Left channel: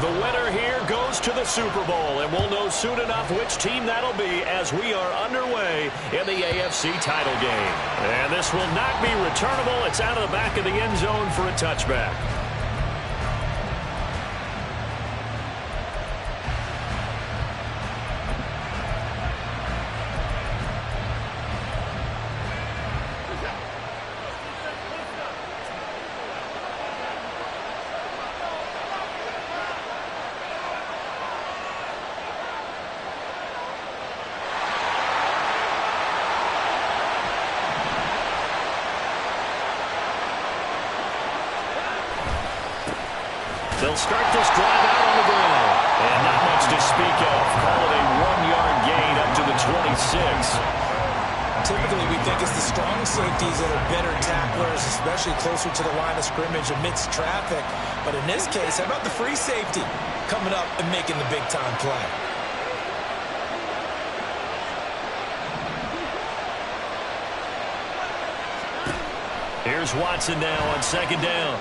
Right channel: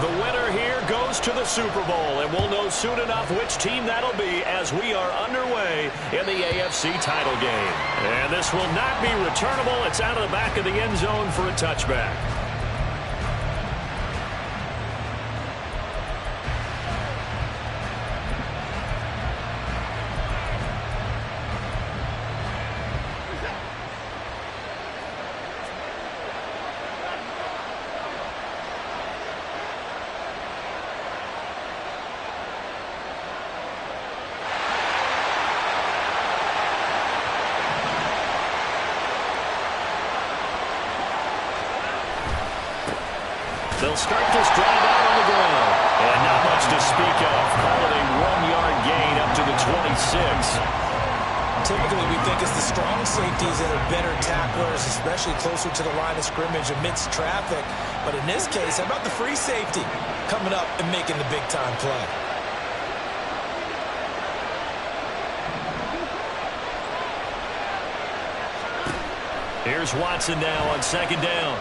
The winner here goes to the Super Bowl, and we'll know soon enough which team that'll be as we are underway in the AFC title game. And this will not be returnable. It's out of the back of the end zone for a touchback. They'll start this drive out on the ground. And not much to speak of. Call it a 1-yard gain up to the 26. Typically, we think it's the strong safeties that are better tacklers, especially closer to the line of scrimmage amidst traffic. But in this case, how about the free safety coming up and making the big-time play? Here's Watson now on second down.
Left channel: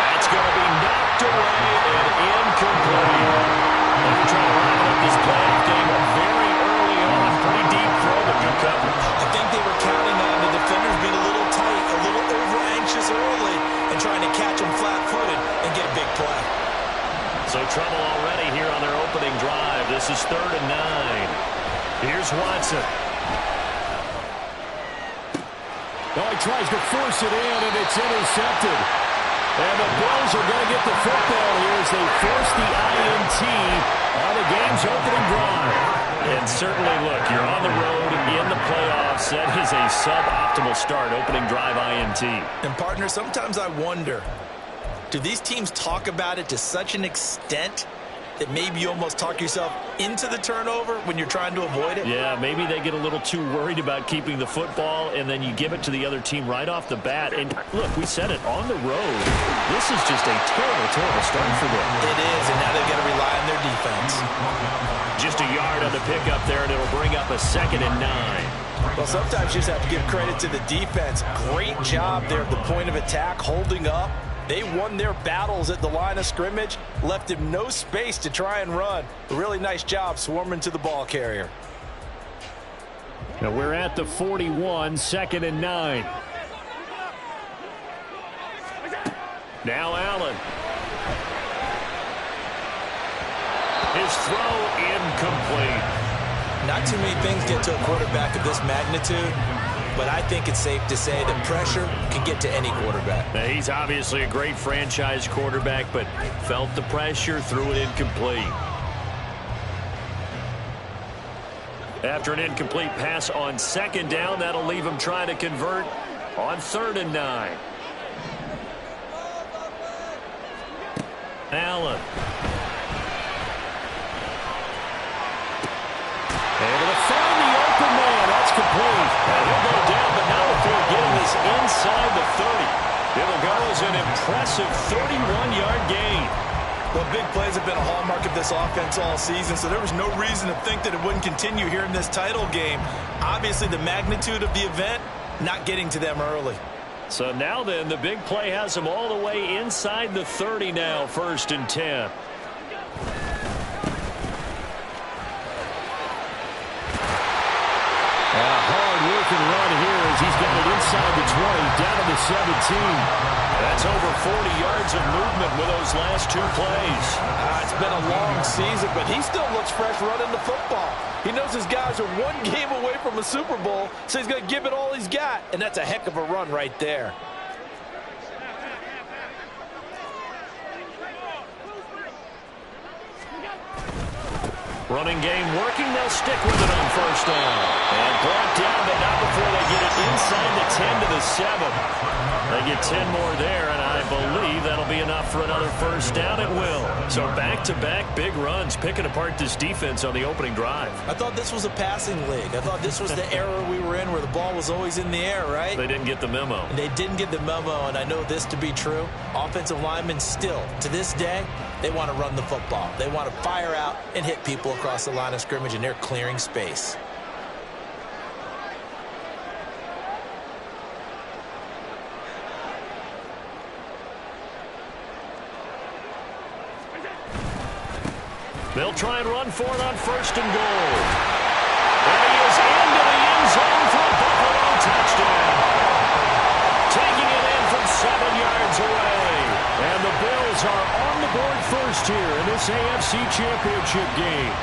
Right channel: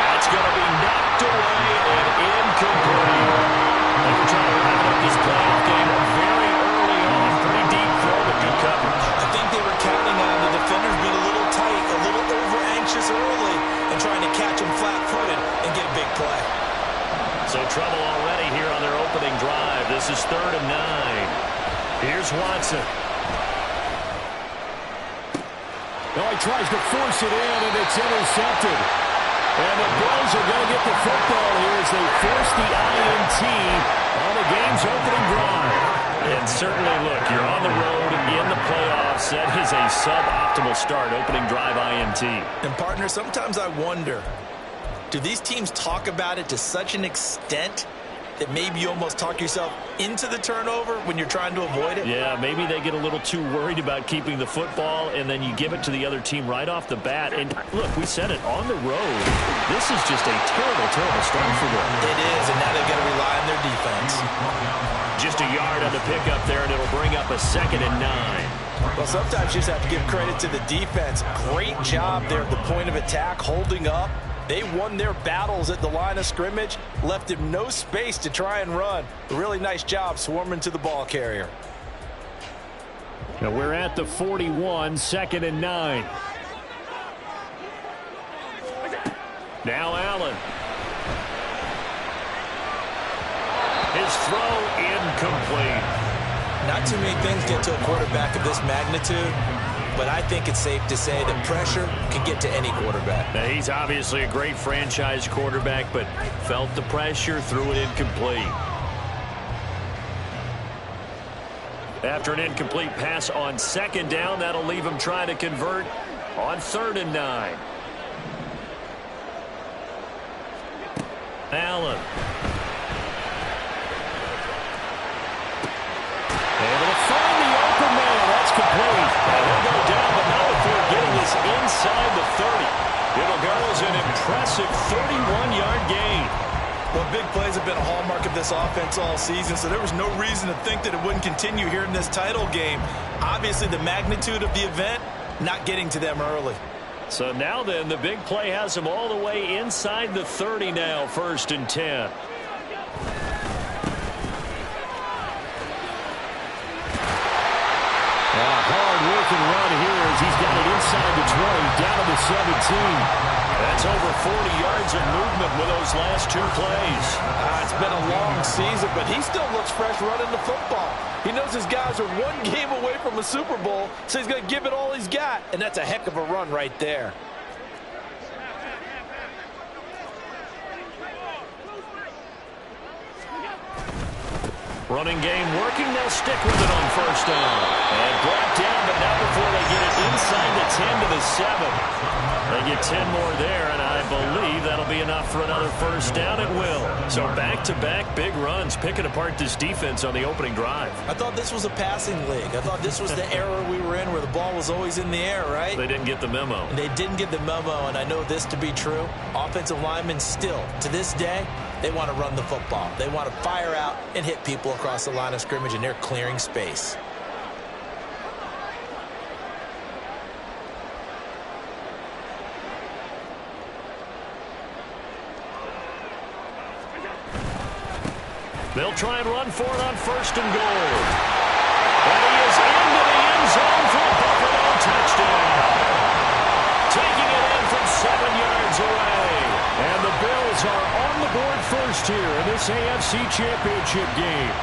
That's going to be knocked away and incomplete. They were trying to wrap up this playoff game very early on. Pretty deep throw, but good coverage. I think they were counting on the defenders being a little tight, a little over-anxious early, and trying to catch them flat-footed and get a big play. So trouble already here on their opening drive. This is 3rd and 9. Here's Watson. Oh, he tries to force it in, and it's intercepted. And the Bills are going to get the football here as they force the INT on the game's opening drive. And certainly, look, you're on the road in the playoffs. That is a suboptimal start, opening drive INT. And, partner, sometimes I wonder, do these teams talk about it to such an extent that maybe you almost talk yourself into the turnover when you're trying to avoid it? Yeah, maybe they get a little too worried about keeping the football, and then you give it to the other team right off the bat. And, look, we said it, on the road, this is just a terrible, terrible start for them. It is, and now they've got to rely on their defense. Just a yard on the pickup there, and it'll bring up a 2nd and 9. Well, sometimes you just have to give credit to the defense. Great job there at the point of attack, holding up. They won their battles at the line of scrimmage, left him no space to try and run. A really nice job swarming to the ball carrier. Now we're at the 41, 2nd and 9. Now Allen. His throw incomplete. Not too many things get to a quarterback of this magnitude, but I think it's safe to say that pressure can get to any quarterback. Now, he's obviously a great franchise quarterback, but felt the pressure, threw it incomplete. After an incomplete pass on 2nd down, that'll leave him trying to convert on 3rd and 9. Allen. Able to find the open man. That's complete. And he'll go down, but not before getting this inside the 30. It'll go as an impressive 31-yard gain. Well, big plays have been a hallmark of this offense all season, so there was no reason to think that it wouldn't continue here in this title game. Obviously, the magnitude of the event, not getting to them early. So now then, the big play has them all the way inside the 30 now, 1st and 10. And a hard-working run here as he's got it inside the 20, down to the 17. That's over 40 yards of movement with those last 2 plays. It's been a long season, but he still looks fresh running the football. He knows his guys are 1 game away from a Super Bowl, so he's going to give it all he's got, and that's a heck of a run right there. Running game working. They'll stick with it on 1st down. And brought down, but not before they get it inside the 10 to the 7. They get 10 more there, and I believe that'll be enough for another 1st down. It will. So back-to-back big runs, picking apart this defense on the opening drive. I thought this was a passing league. I thought this was the era we were in where the ball was always in the air, right? They didn't get the memo. And they didn't get the memo, and I know this to be true. Offensive linemen still, to this day, they want to run the football. They want to fire out and hit people across the line of scrimmage, and they're clearing space. They'll try and run for it on 1st and goal. And he is into the end zone for a Buffalo touchdown. Taking it in from 7 yards away. And the Bills are on the board first here in this AFC Championship game.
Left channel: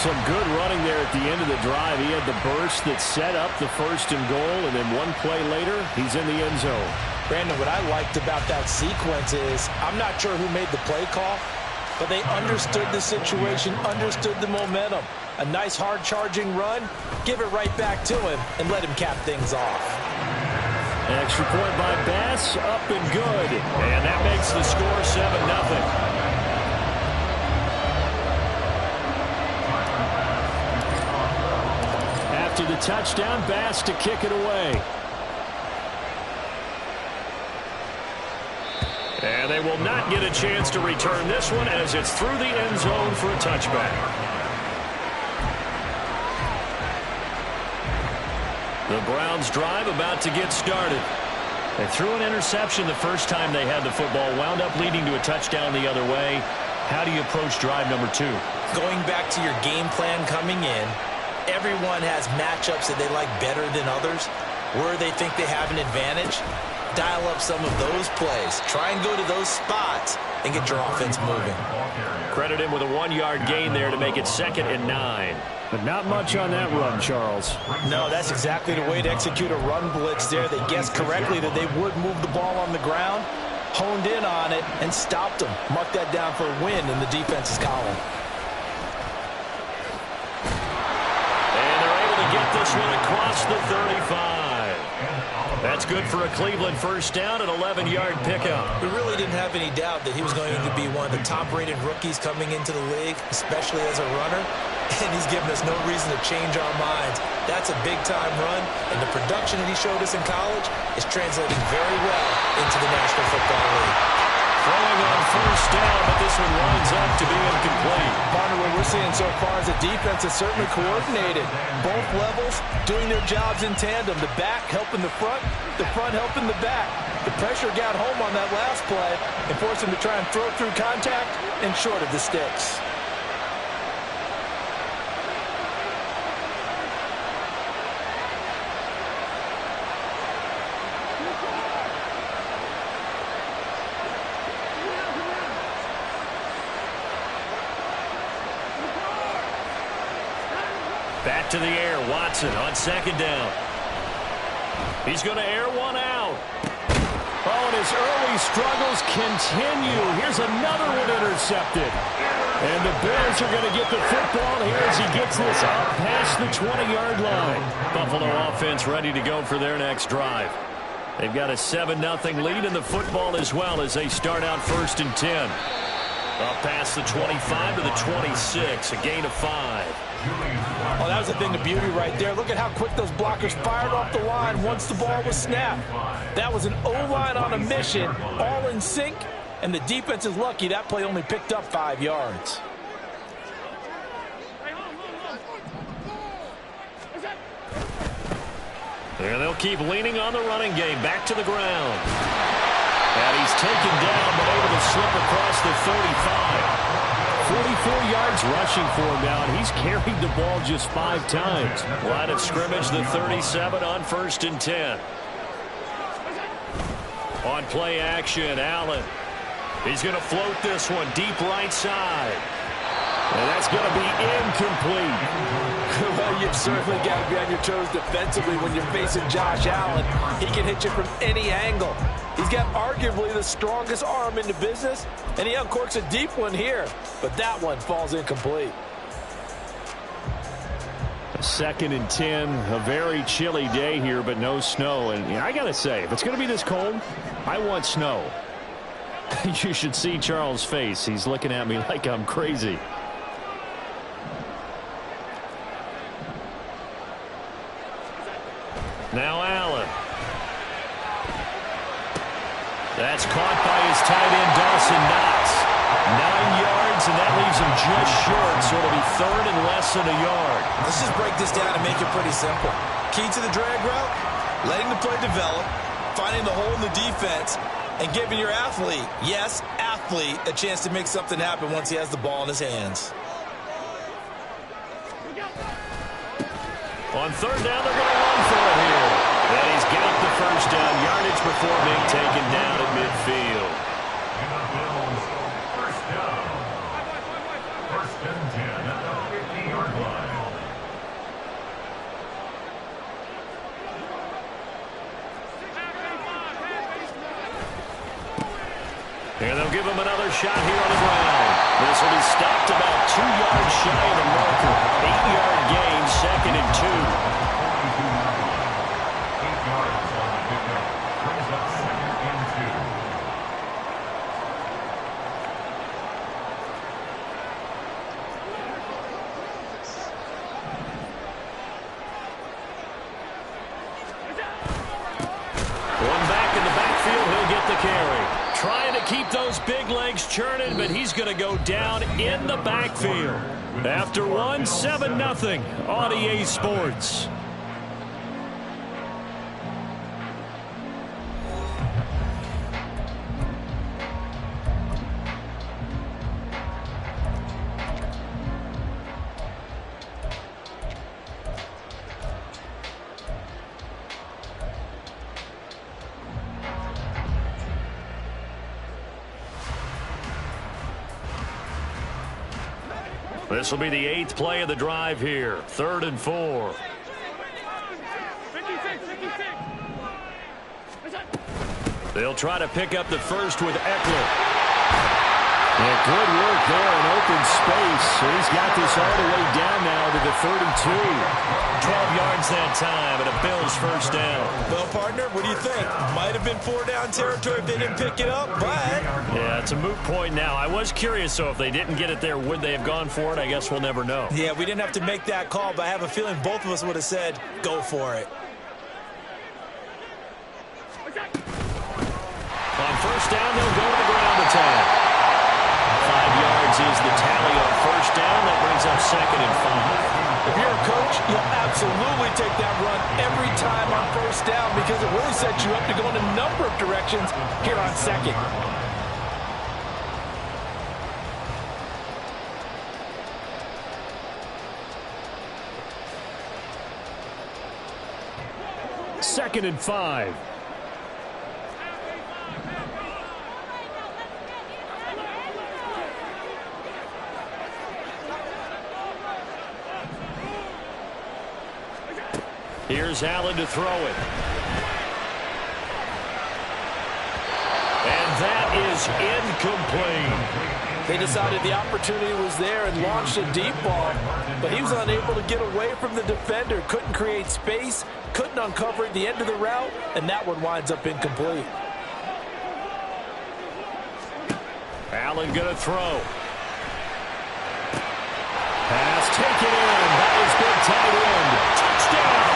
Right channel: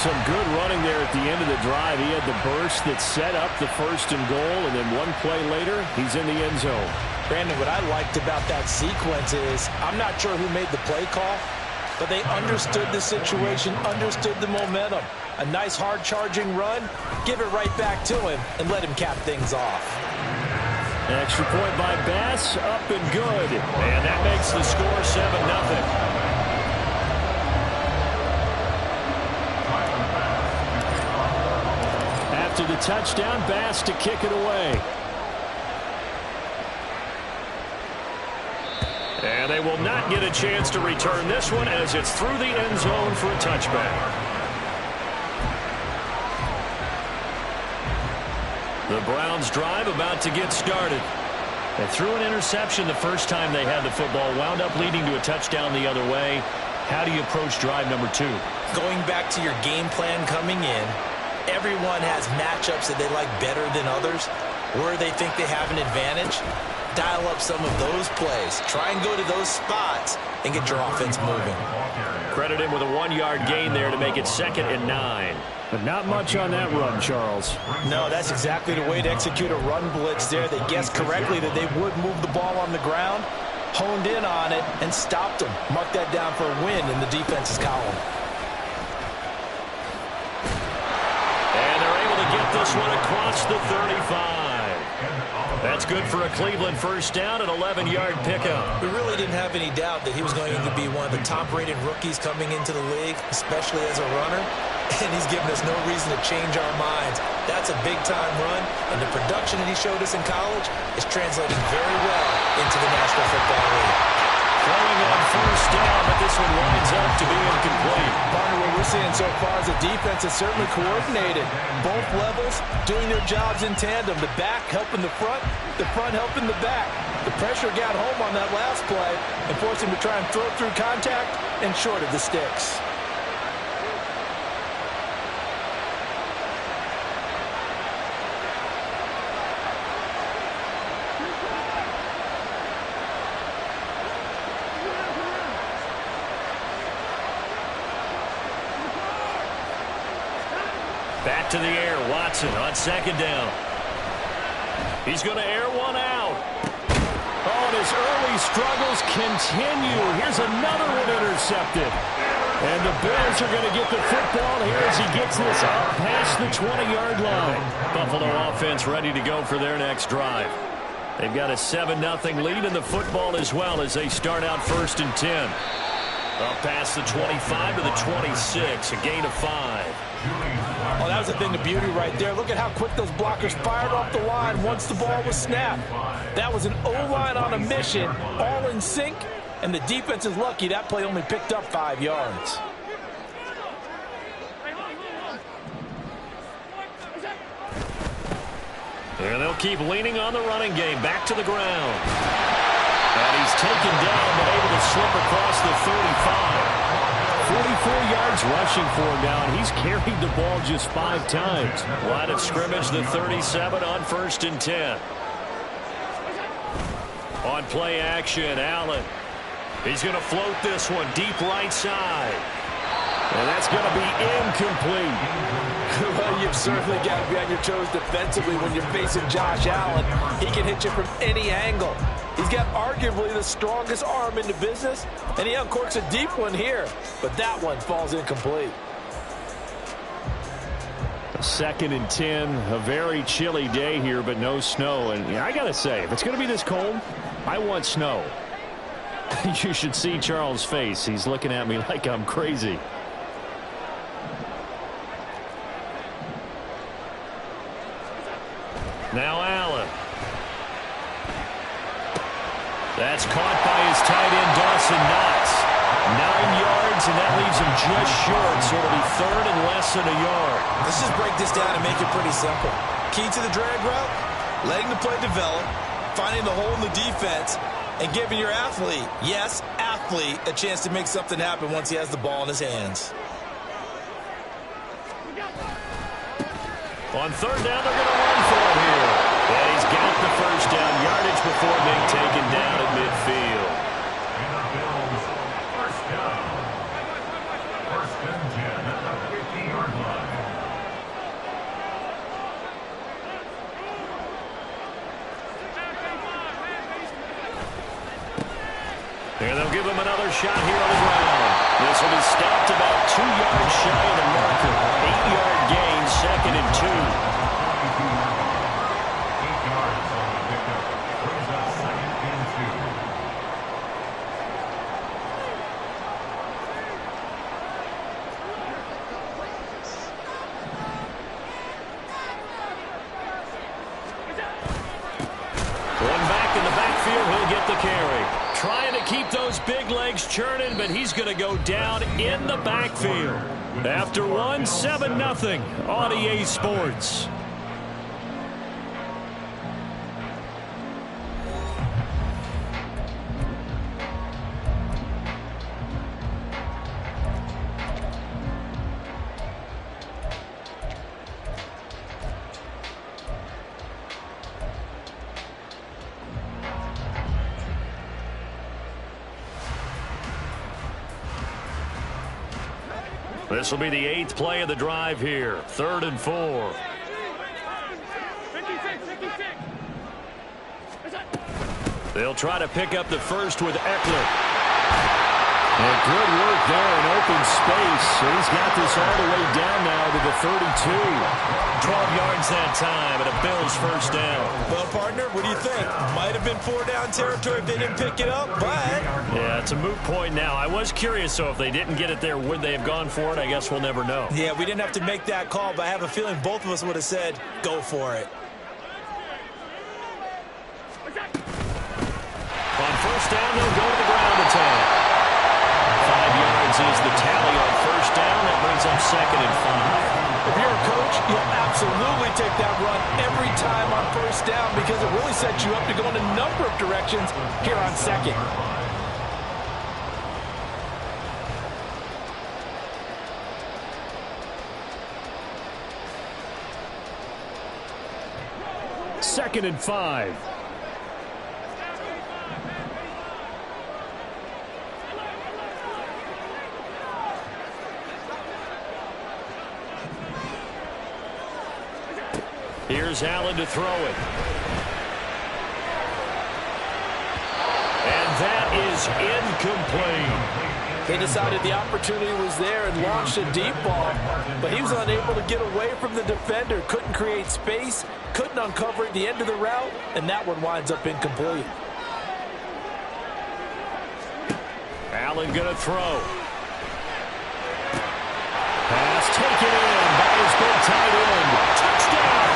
Some good running there at the end of the drive. He had the burst that set up the 1st and goal, and then one play later, he's in the end zone. Brandon, what I liked about that sequence is I'm not sure who made the play call, but they understood the situation, understood the momentum. A nice hard-charging run, give it right back to him, and let him cap things off. An extra point by Bass, up and good. And that makes the score 7-0. After the touchdown, Bass to kick it away. And they will not get a chance to return this one as it's through the end zone for a touchback. The Browns drive about to get started. They threw an interception the first time they had the football, wound up leading to a touchdown the other way. How do you approach drive number 2? Going back to your game plan coming in, everyone has matchups that they like better than others. Where they think they have an advantage, dial up some of those plays. Try and go to those spots and get your offense moving. Credit him with a 1-yard gain there to make it 2nd and 9. But not much on that run, Charles. No, that's exactly the way to execute a run blitz there. They guessed correctly that they would move the ball on the ground, honed in on it, and stopped them. Mark that down for a win in the defense's column. And they're able to get this one across the 35. That's good for a Cleveland first down, an 11-yard pickup. We really didn't have any doubt that he was going to be one of the top-rated rookies coming into the league, especially as a runner. And he's given us no reason to change our minds. That's a big-time run, and the production that he showed us in college is translating very well into the National Football League. Throwing on first down, but this one winds up to be incomplete. Partner, what we're seeing so far is the defense is certainly coordinated. Both levels doing their jobs in tandem. The back helping the front helping the back. The pressure got home on that last play and forced him to try and throw through contact and short of the sticks. Back to the air, Watson on 2nd down. He's going to air one out. Oh, and his early struggles continue. Here's another one intercepted. And the Bills are going to get the football here as he gets this up past the 20-yard line. Buffalo offense ready to go for their next drive. They've got a 7-0 lead in the football as well as they start out 1st and 10. Up past the 25 to the 26, a gain of 5. Oh, that was the thing of beauty right there. Look at how quick those blockers fired off the line once the ball was snapped. That was an O-line on a mission, all in sync, and the defense is lucky that play only picked up 5 yards. And they'll keep leaning on the running game. Back to the ground. And he's taken down, but able to slip across the 35. 44 yards rushing for him now, and he's carried the ball just 5 times. Line of scrimmage, the 37 on 1st and 10. On play action, Allen. He's going to float this one deep right side. And that's going to be incomplete. Well, you've certainly got to be on your toes defensively when you're facing Josh Allen. He can hit you from any angle. He's got arguably the strongest arm in the business, and he uncorks a deep one here. But that one falls incomplete. 2nd and 10, a very chilly day here, but no snow. And I got to say, if it's going to be this cold, I want snow. You should see Charles' face. He's looking at me like I'm crazy. Now Allen. That's caught by his tight end, Dawson Knox. 9 yards, and that leaves him just short, so it'll be 3rd and less than a yard. Let's just break this down and make it pretty simple. Key to the drag route, letting the play develop, finding the hole in the defense, And giving your athlete, yes, athlete, a chance to make something happen once he has the ball in his hands. On third down, they're going to run for it here. And he's got the first down yardage before being taken down at midfield. And the Bills, first down. First and 10 at the 50-yard line. And they'll give him another shot here on the ground. This will be stopped about 2 yards shy of the marker. 8-yard gain, second and 2. 8 yards on the pickup. Brings up second and 2. One back in the backfield, he'll get the carry. Trying to keep those big legs churning, but he's going to go down in the backfield. After one, 7-0 on EA Sports. This will be the 8th play of the drive here. 3rd and 4. They'll try to pick up the first with Eckler. And good work there in open space. He's got this all the way down now to the 32. 12 yards that time and a Bills first down. Well, partner, what do you think? Might have been 4-down territory if they didn't pick it up, but... Yeah, it's a moot point now. I was curious, so if they didn't get it there, would they have gone for it? I guess we'll never know. Yeah, we didn't have to make that call, but I have a feeling both of us would have said, go for it. On first down, they'll go to the ground attack. 5 yards is the tally on first down. That brings up 2nd and 5. If you're a coach, you'll absolutely take that run every time on first down because it really sets you up to go in a number of directions here on 2nd. Second and 5. Here's Allen to throw it. And that is incomplete. They decided the opportunity was there and launched a deep ball, but he was unable to get away from the defender, couldn't create space, couldn't uncover at the end of the route, and that one winds up incomplete. Allen going to throw. Pass taken in by his big tight end. Touchdown!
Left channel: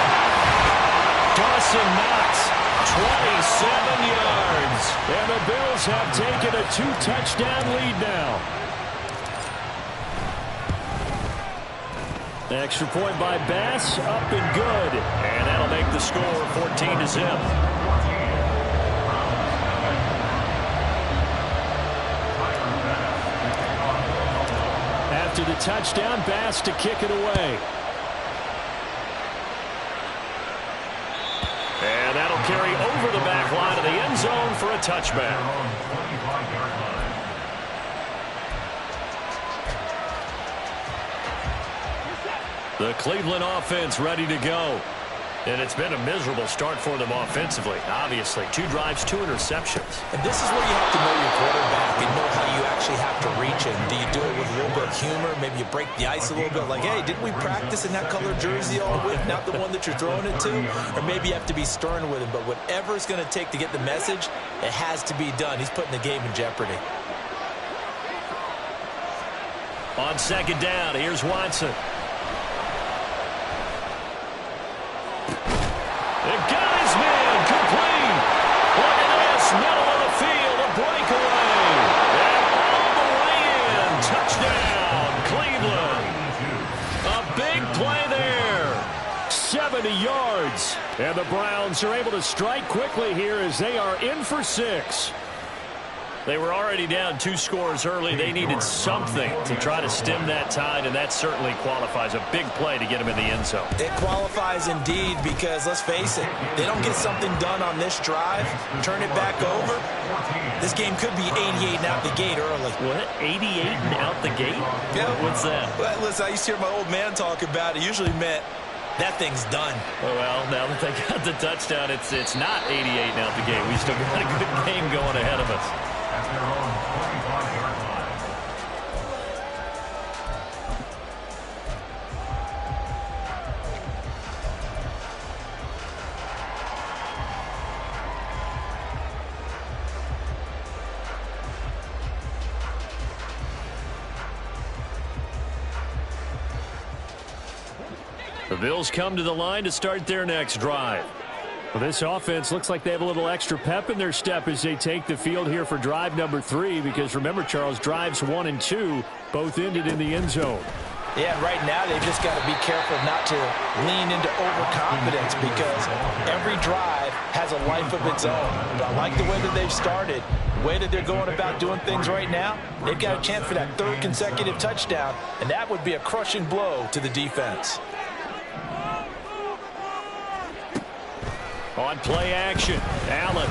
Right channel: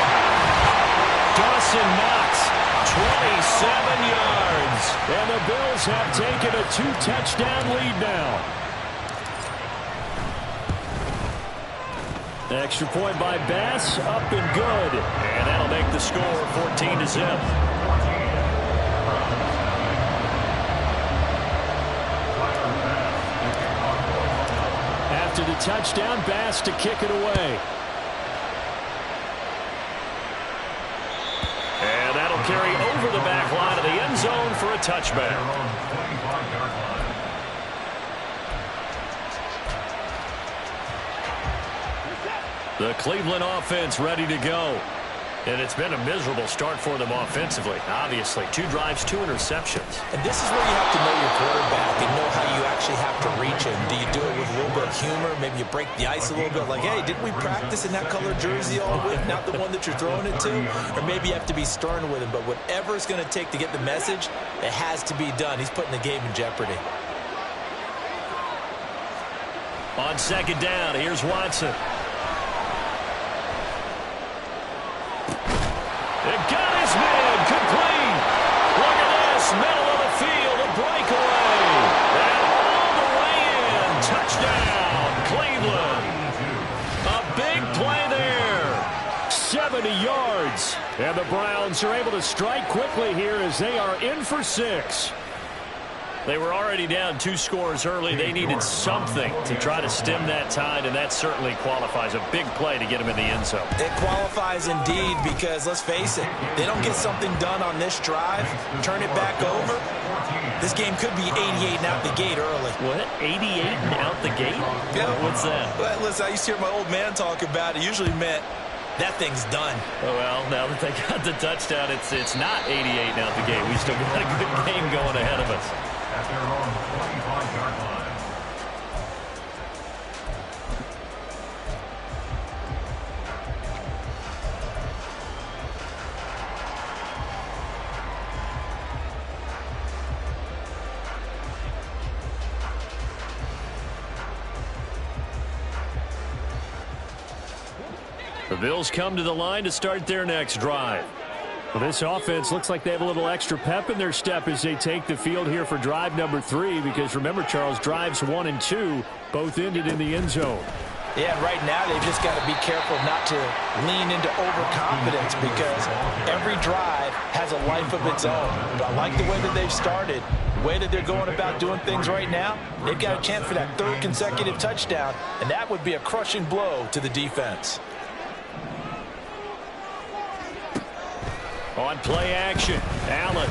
Dawson Knox, 27 yards. And the Bills have taken a 2-touchdown lead now. Extra point by Bass, up and good. And that'll make the score 14-0. After the touchdown, Bass to kick it away. And that'll carry over the back line of the end zone for a touchback. The Cleveland offense ready to go. And it's been a miserable start for them offensively. Obviously, 2 drives, 2 interceptions. And this is where you have to know your quarterback and know how you actually have to reach him. Do you do it with a little bit of humor? Maybe you break the ice a little bit. Like, hey, didn't we practice in that color jersey all week? Not the one that you're throwing it to? Or maybe you have to be stern with him. But whatever it's going to take to get the message, it has to be done. He's putting the game in jeopardy. On 2nd down, here's Watson. It got his man complete. Look at this, middle of the field, a breakaway. And all the way in, touchdown, Cleveland. A big play there. 70 yards. And the Browns are able to strike quickly here as they are in for 6. They were already down 2 scores early. They needed something to try to stem that tide, and that certainly qualifies. A big play to get them in the end zone. It qualifies indeed because, let's face it, they don't get something done on this drive, turn it back over, this game could be 88 and out the gate early. What? 88 and out the gate? Yeah. What's that? Well, listen, I used to hear my old man talk about it. Usually meant that thing's done. Oh, well, now that they got the touchdown, it's not 88 and out the gate. We still got a good game going ahead of us. At their own 25-yard line. The Bills come to the line to start their next drive. Well, this offense looks like they have a little extra pep in their step as they take the field here for drive number 3, because remember, Charles, drives 1 and 2 both ended in the end zone. Yeah, right now they've just got to be careful not to lean into overconfidence because every drive has a life of its own. But I like the way that they've started, the way that they're going about doing things right now. They've got a chance for that 3rd consecutive touchdown, and that would be a crushing blow to the defense. On play action, Allen.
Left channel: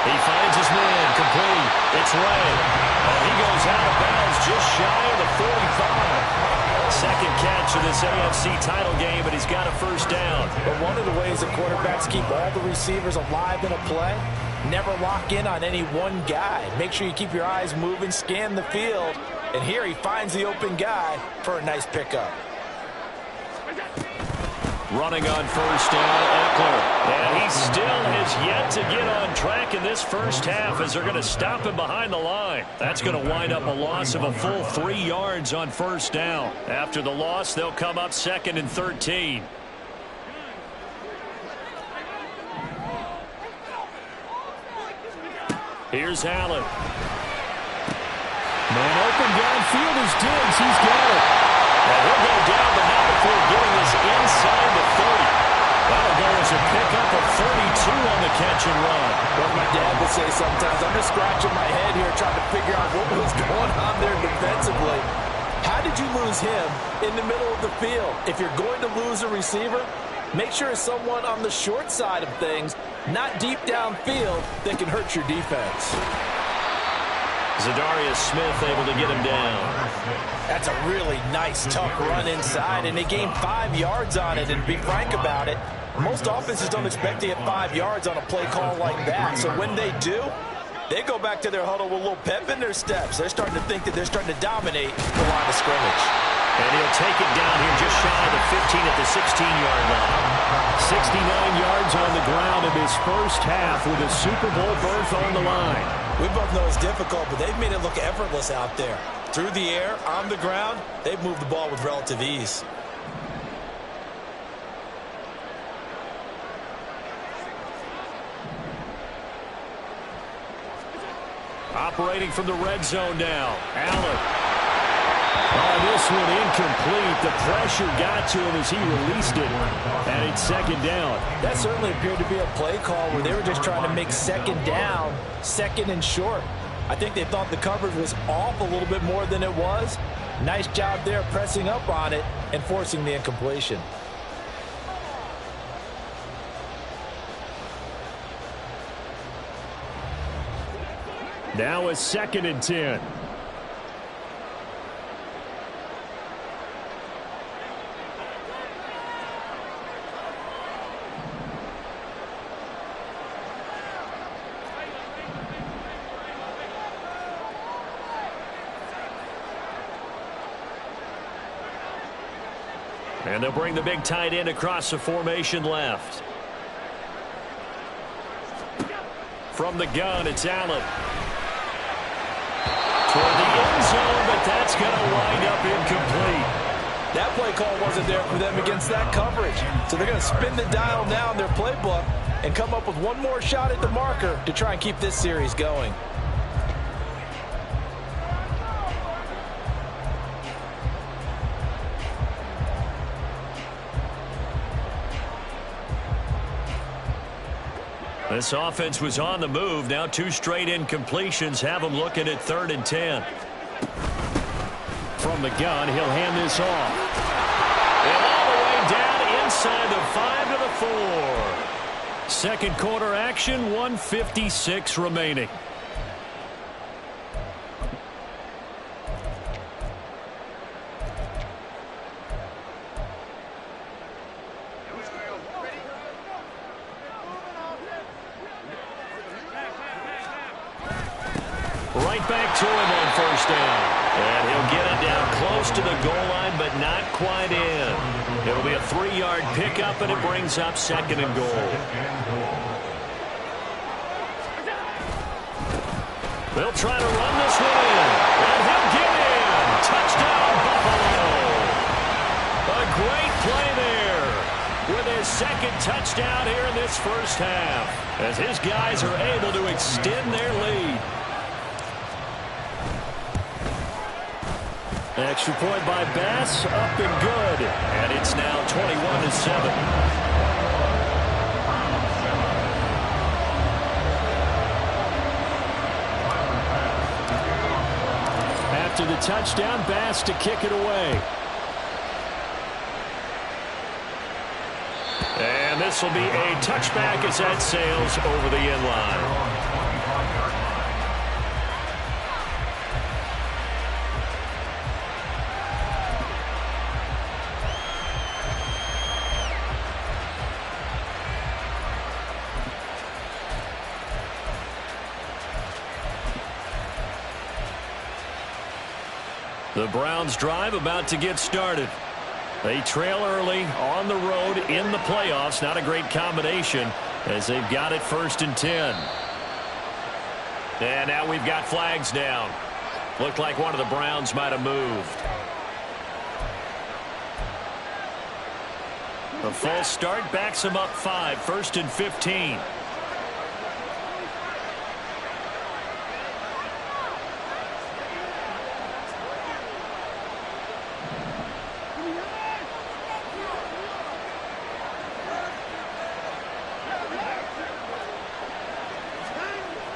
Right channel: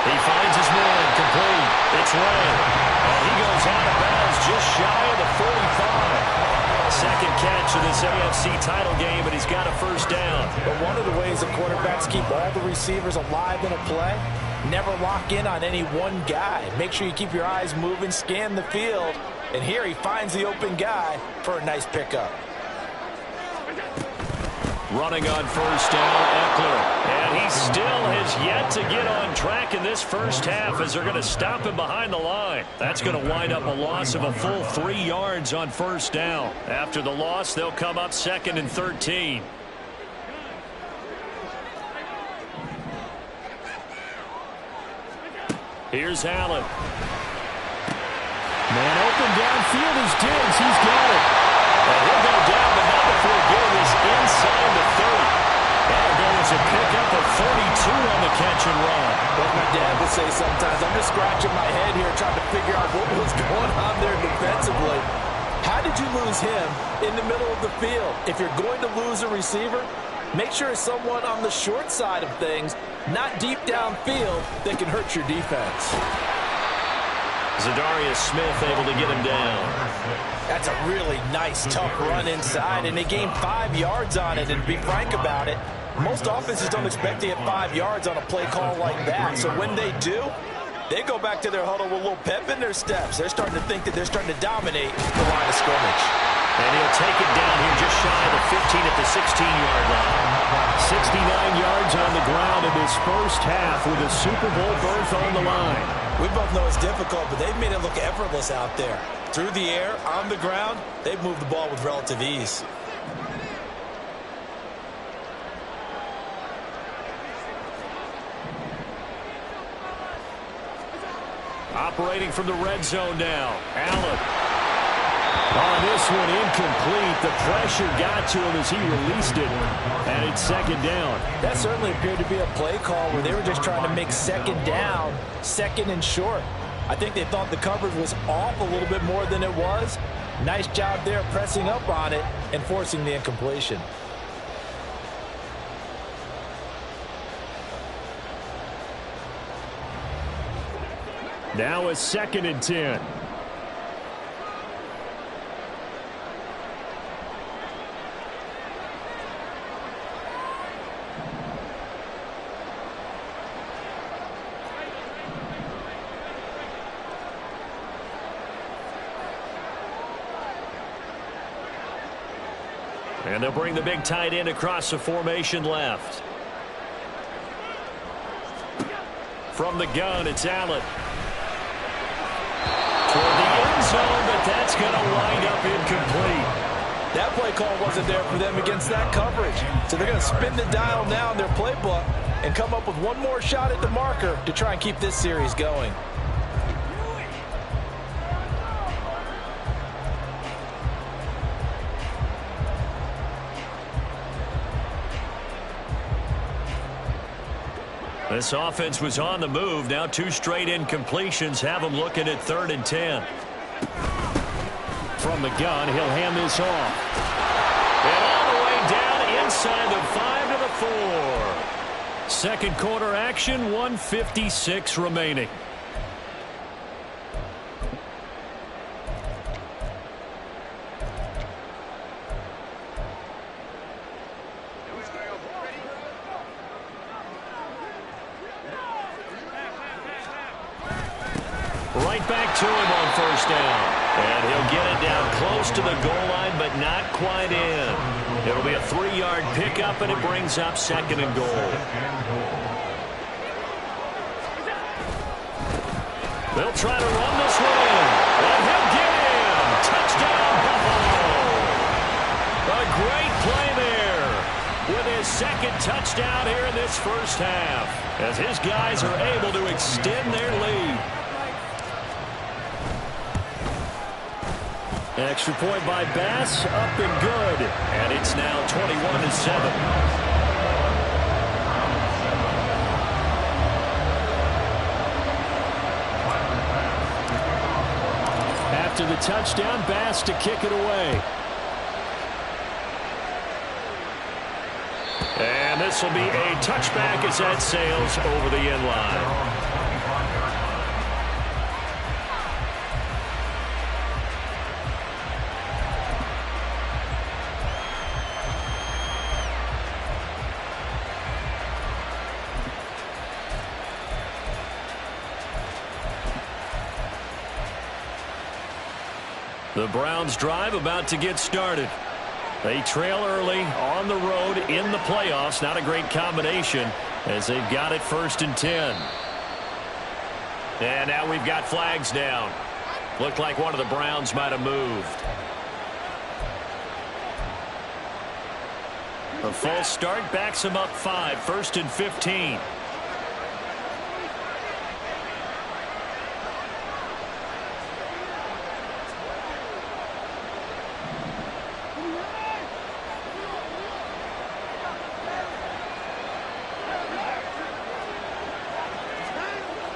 He finds his man, complete. It's Ray. And he goes out of bounds just shy of the 45. Second catch of this AFC title game, and he's got a first down. But one of the ways the quarterbacks keep all the receivers alive in a play, never lock in on any one guy. Make sure you keep your eyes moving, scan the field. And here he finds the open guy for a nice pickup. Running on first down, Eckler. And he still has yet to get on track in this first half as they're going to stop him behind the line. That's going to wind up a loss of a full 3 yards on first down. After the loss, they'll come up 2nd and 13. Here's Allen. Man open downfield is Diggs. He's got it. And he'll go down, but not before getting this inside the 30. That'll go as a pickup of 42 on the catch and run. What my dad would say sometimes, I'm just scratching my head here trying to figure out what was going on there defensively. How did you lose him in the middle of the field? If you're going to lose a receiver, make sure it's someone on the short side of things, not deep downfield, that can hurt your defense. Zadarius Smith able to get him down. That's a really nice, tough run inside, and they gained 5 yards on it. And to be frank about it, most offenses don't expect to get 5 yards on a play call like that. So when they do, they go back to their huddle with a little pep in their steps. They're starting to think that they're starting to dominate the line of scrimmage. And he'll take it down here just shy of the 15 at the 16-yard line. 69 yards on the ground in this first half with a Super Bowl berth on the line. We both know it's difficult, but they've made it look effortless out there. Through the air, on the ground, they've moved the ball with relative ease. Operating from the red zone now. Allen. On this one, incomplete. The pressure got to him as he released it. And it's 2nd down. That certainly appeared to be a play call where they were just trying to make 2nd down, 2nd and short. I think they thought the coverage was off a little bit more than it was. Nice job there pressing up on it and forcing the incompletion. Now a 2nd and 10. And they'll bring the big tight end across the formation left. From the gun, it's Allen. Toward the end zone, but that's going to wind up incomplete. That play call wasn't there for them against that coverage. So they're going to spin the dial now in their playbook and come up with one more shot at the marker to try and keep this series going. This offense was on the move. Now 2 straight incompletions have them looking at 3rd and 10. From the gun, he'll hand this off. And all the way down inside the 5 to the 4. Second quarter action, 1:56 remaining. Right back to him on 1st down. And he'll get it down close to the goal line, but not quite in. It'll be a 3-yard pickup, and it brings up 2nd and goal. They'll try to run this one in. And he'll get in. Touchdown, Buffalo. A great play there with his 2nd touchdown here in this first half, as his guys are able to extend their lead. Extra point by Bass, up and good. And it's now 21-7. After the touchdown, Bass to kick it away. And this will be a touchback as that sails over the end line. The Browns drive about to get started. They trail early on the road in the playoffs. Not a great combination as they've got it 1st and 10. And now we've got flags down. Looked like one of the Browns might have moved. A false start backs them up 5. 1st and 15.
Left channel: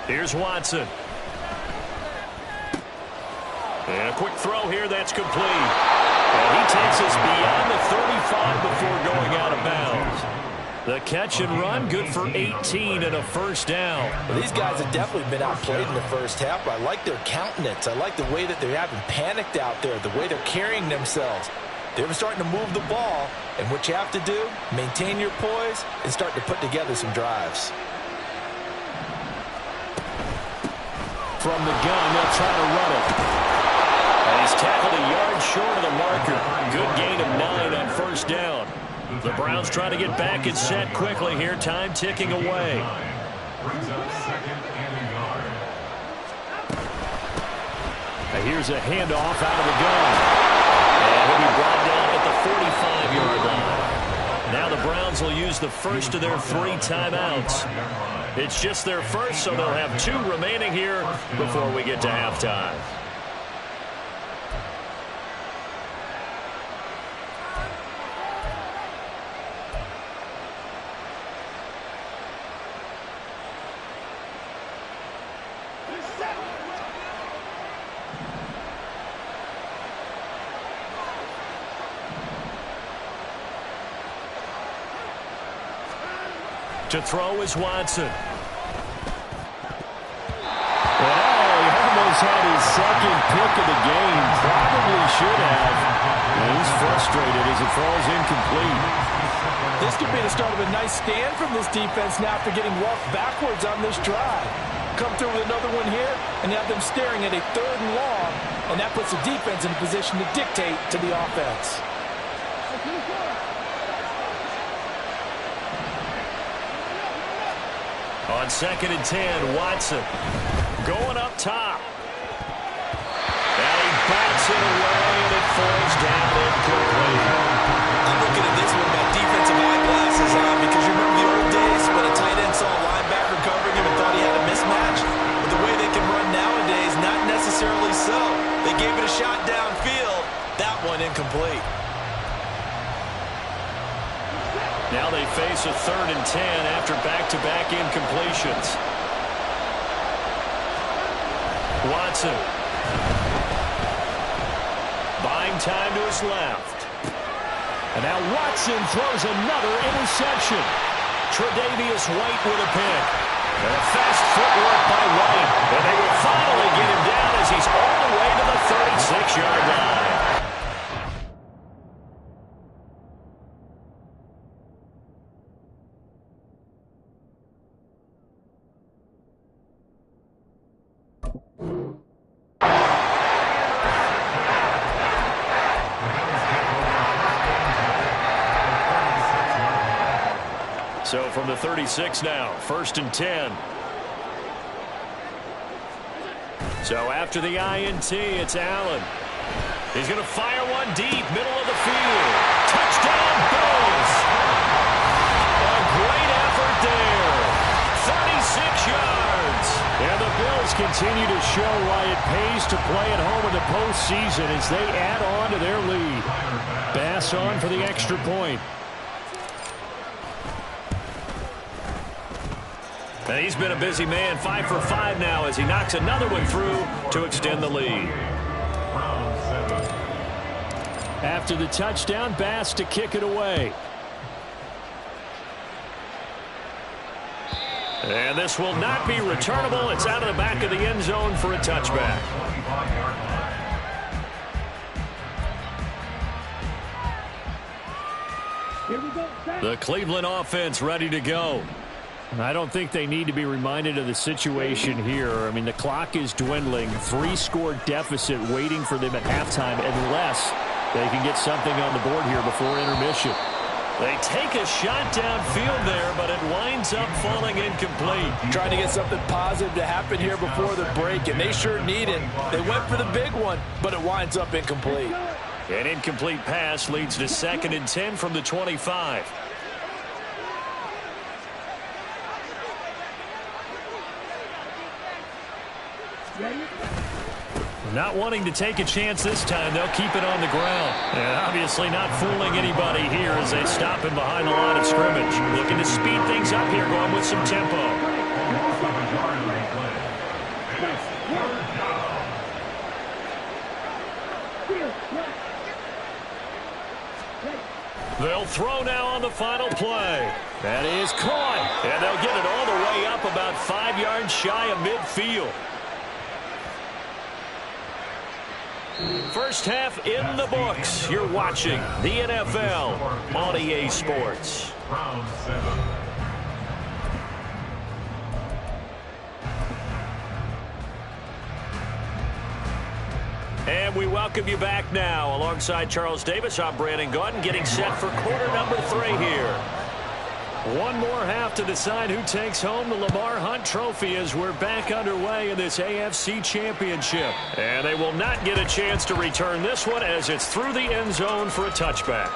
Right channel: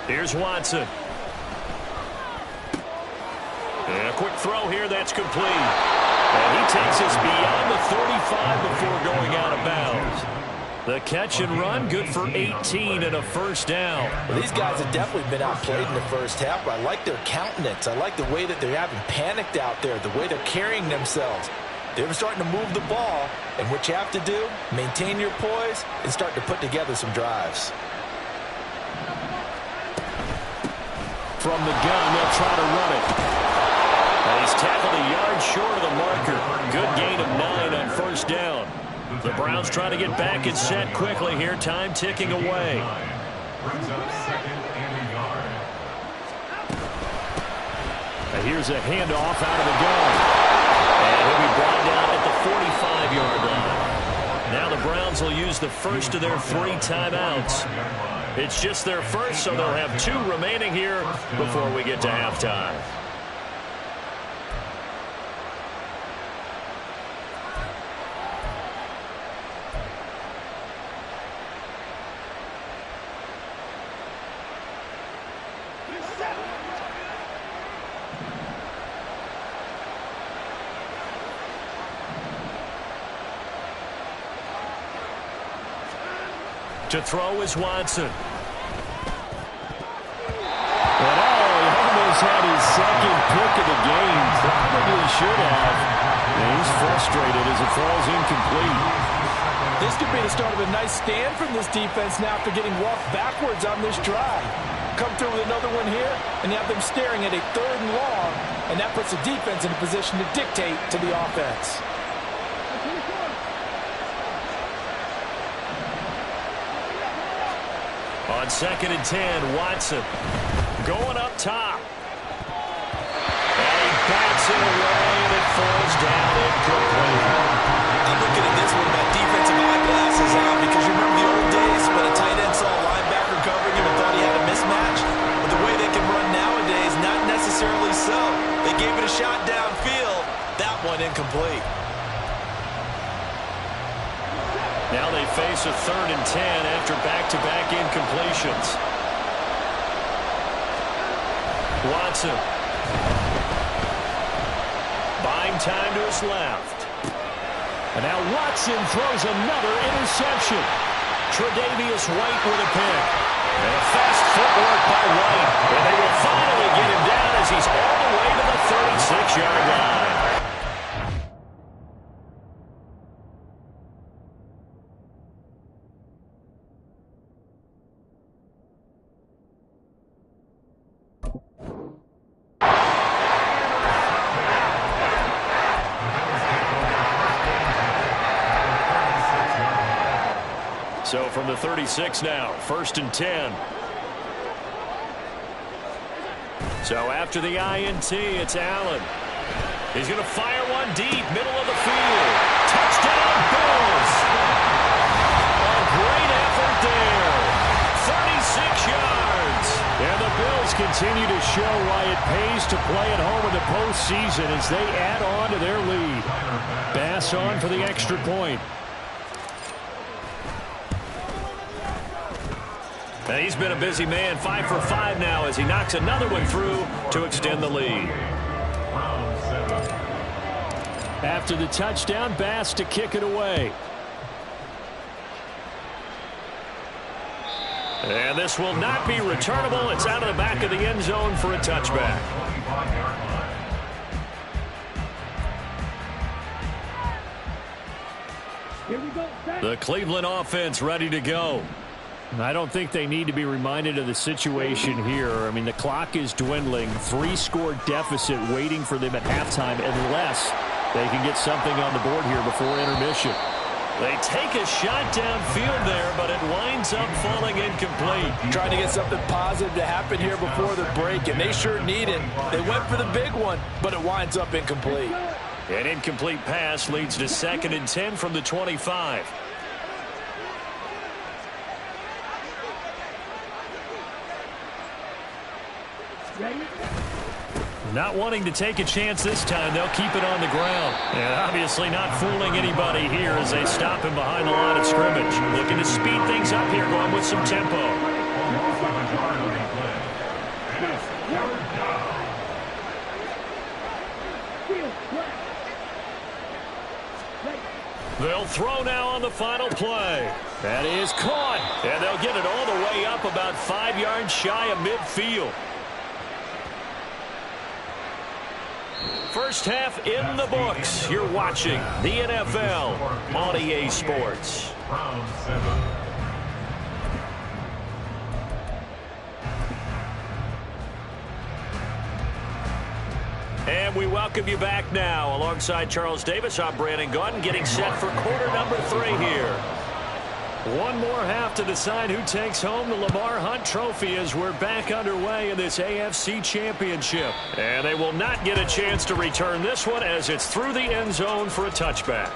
Here's Watson. And a quick throw here that's complete. And he takes us beyond the 35 before going out of bounds. The catch and run, good for 18 and a 1st down. Well, these guys have definitely been outplayed in the first half, but I like their countenance. I like the way that they haven't panicked out there, the way they're carrying themselves. They're starting to move the ball, and what you have to do, maintain your poise and start to put together some drives. From the gun, they'll try to run it. And he's tackled a yard short of the marker. Good gain of 9 on 1st down. The Browns try to get back and set quickly here. Time ticking away. Brings up 2nd and a yard. And here's a handoff out of the gun. And he'll be brought down at the 45-yard line. Now the Browns will use the first of their 3 timeouts. It's just their first, so they'll have 2 remaining here before we get to halftime. To throw is Watson. And he almost had his 2nd pick of the game. Probably should have. And he's frustrated as it falls incomplete. This could be the start of a nice stand from this defense now after getting walked backwards on this drive. Come through with another one here, and you have them staring at a 3rd and long, and that puts the defense in a position to dictate to the offense. On 2nd and 10, Watson going up top. And he bats it away, and it falls down incomplete. I'm looking at this one with my defensive eyeglasses on because you remember the old days when a tight end saw a linebacker covering him and thought he had a mismatch? But the way they can run nowadays, not necessarily so. They gave it a shot downfield. That one incomplete. Now they face a 3rd and 10 after back-to-back incompletions. Watson. Buying time to his left. And now Watson throws another interception. Tre'Davious White with a pick. And fast footwork by White. And they will finally get him down as he's all the way to the 36-yard line. So from the 36 now, 1st and 10. So after the INT, it's Allen. He's going to fire one deep, middle of the field. Touchdown, Bills. A great effort there. 36 yards. And the Bills continue to show why it pays to play at home in the postseason as they add on to their lead. Bass on for the extra point. And he's been a busy man, 5 for 5 now as he knocks another one through to extend the lead. After the touchdown, Bass to kick it away. And this will not be returnable. It's out of the back of the end zone for a touchback. The Cleveland offense ready to go. I don't think they need to be reminded of the situation here. I mean, the clock is dwindling. 3-score deficit waiting for them at halftime unless they can get something on the board here before intermission. They take a shot downfield there, but it winds up falling incomplete. Trying to get something positive to happen here before the break, and they sure need it. They went for the big one, but it winds up incomplete. An incomplete pass leads to 2nd and 10 from the 25. Not wanting to take a chance this time, they'll keep it on the ground. And obviously not fooling anybody here as they stop him behind the line of scrimmage. Looking to speed things up here, going with some tempo. They'll throw now on the final play. That is caught. And they'll get it all the way up about 5 yards shy of midfield. First half in the books. You're watching the NFL on EA Sports. Round 7. And we welcome you back now. Alongside Charles Davis, I'm Brandon Gaudin, getting set for quarter number 3 here. One more half to decide who takes home the Lamar Hunt Trophy as we're back underway in this AFC Championship. And they will not get a chance to return this one as it's through the end zone for a touchback.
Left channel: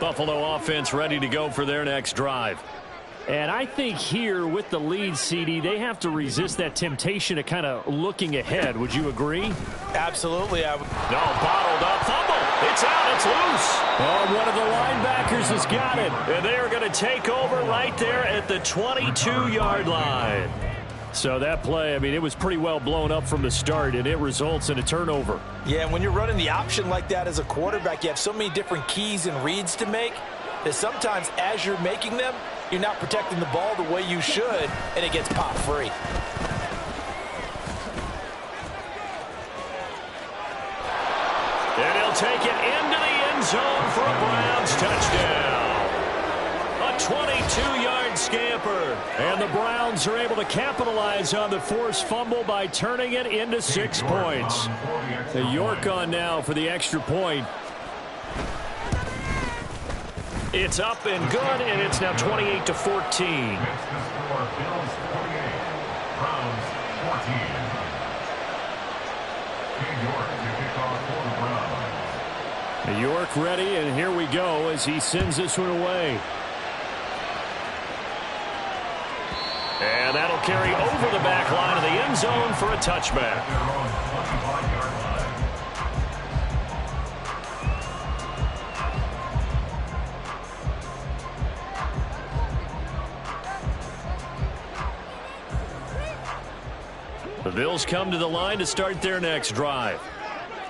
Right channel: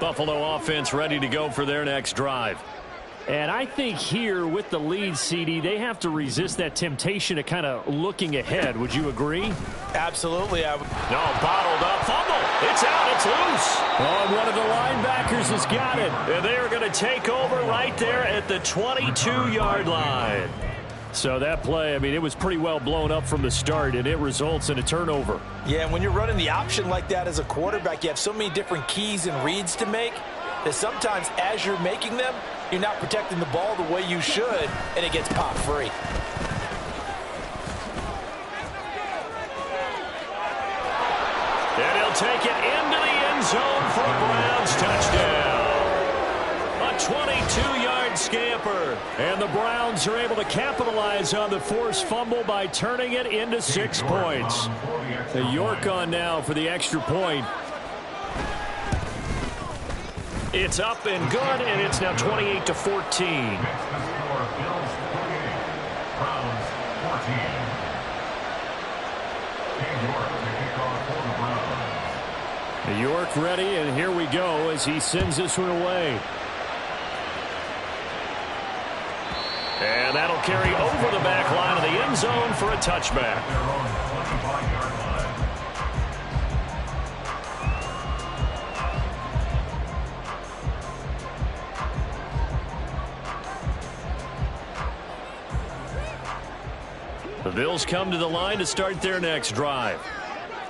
Buffalo offense ready to go for their next drive. And I think here with the lead, CD, they have to resist that temptation of kind of looking ahead. Would you agree? Absolutely. No, bottled up. Fumble. It's out. It's loose. Oh, and one of the linebackers has got it. And they are going to take over right there at the 22-yard line. So that play, I mean, it was pretty well blown up from the start, and it results in a turnover. Yeah, and when you're running the option like that as a quarterback, you have so many different keys and reads to make that sometimes as you're making them, you're not protecting the ball the way you should, and it gets popped free. And he'll take it into the end zone for a Browns touchdown. A 22-yard scamper. And the Browns are able to capitalize on the forced fumble by turning it into 6 points. The York on now for the extra point. It's up and good, and it's now 28-14. Next to score, Bills 28, Browns 14. King York to kick off for the Browns. York ready, and here we go as he sends this one away. And that'll carry over the back line of the end zone for a touchback. They're on the 25-yard line. The Bills come to the line to start their next drive.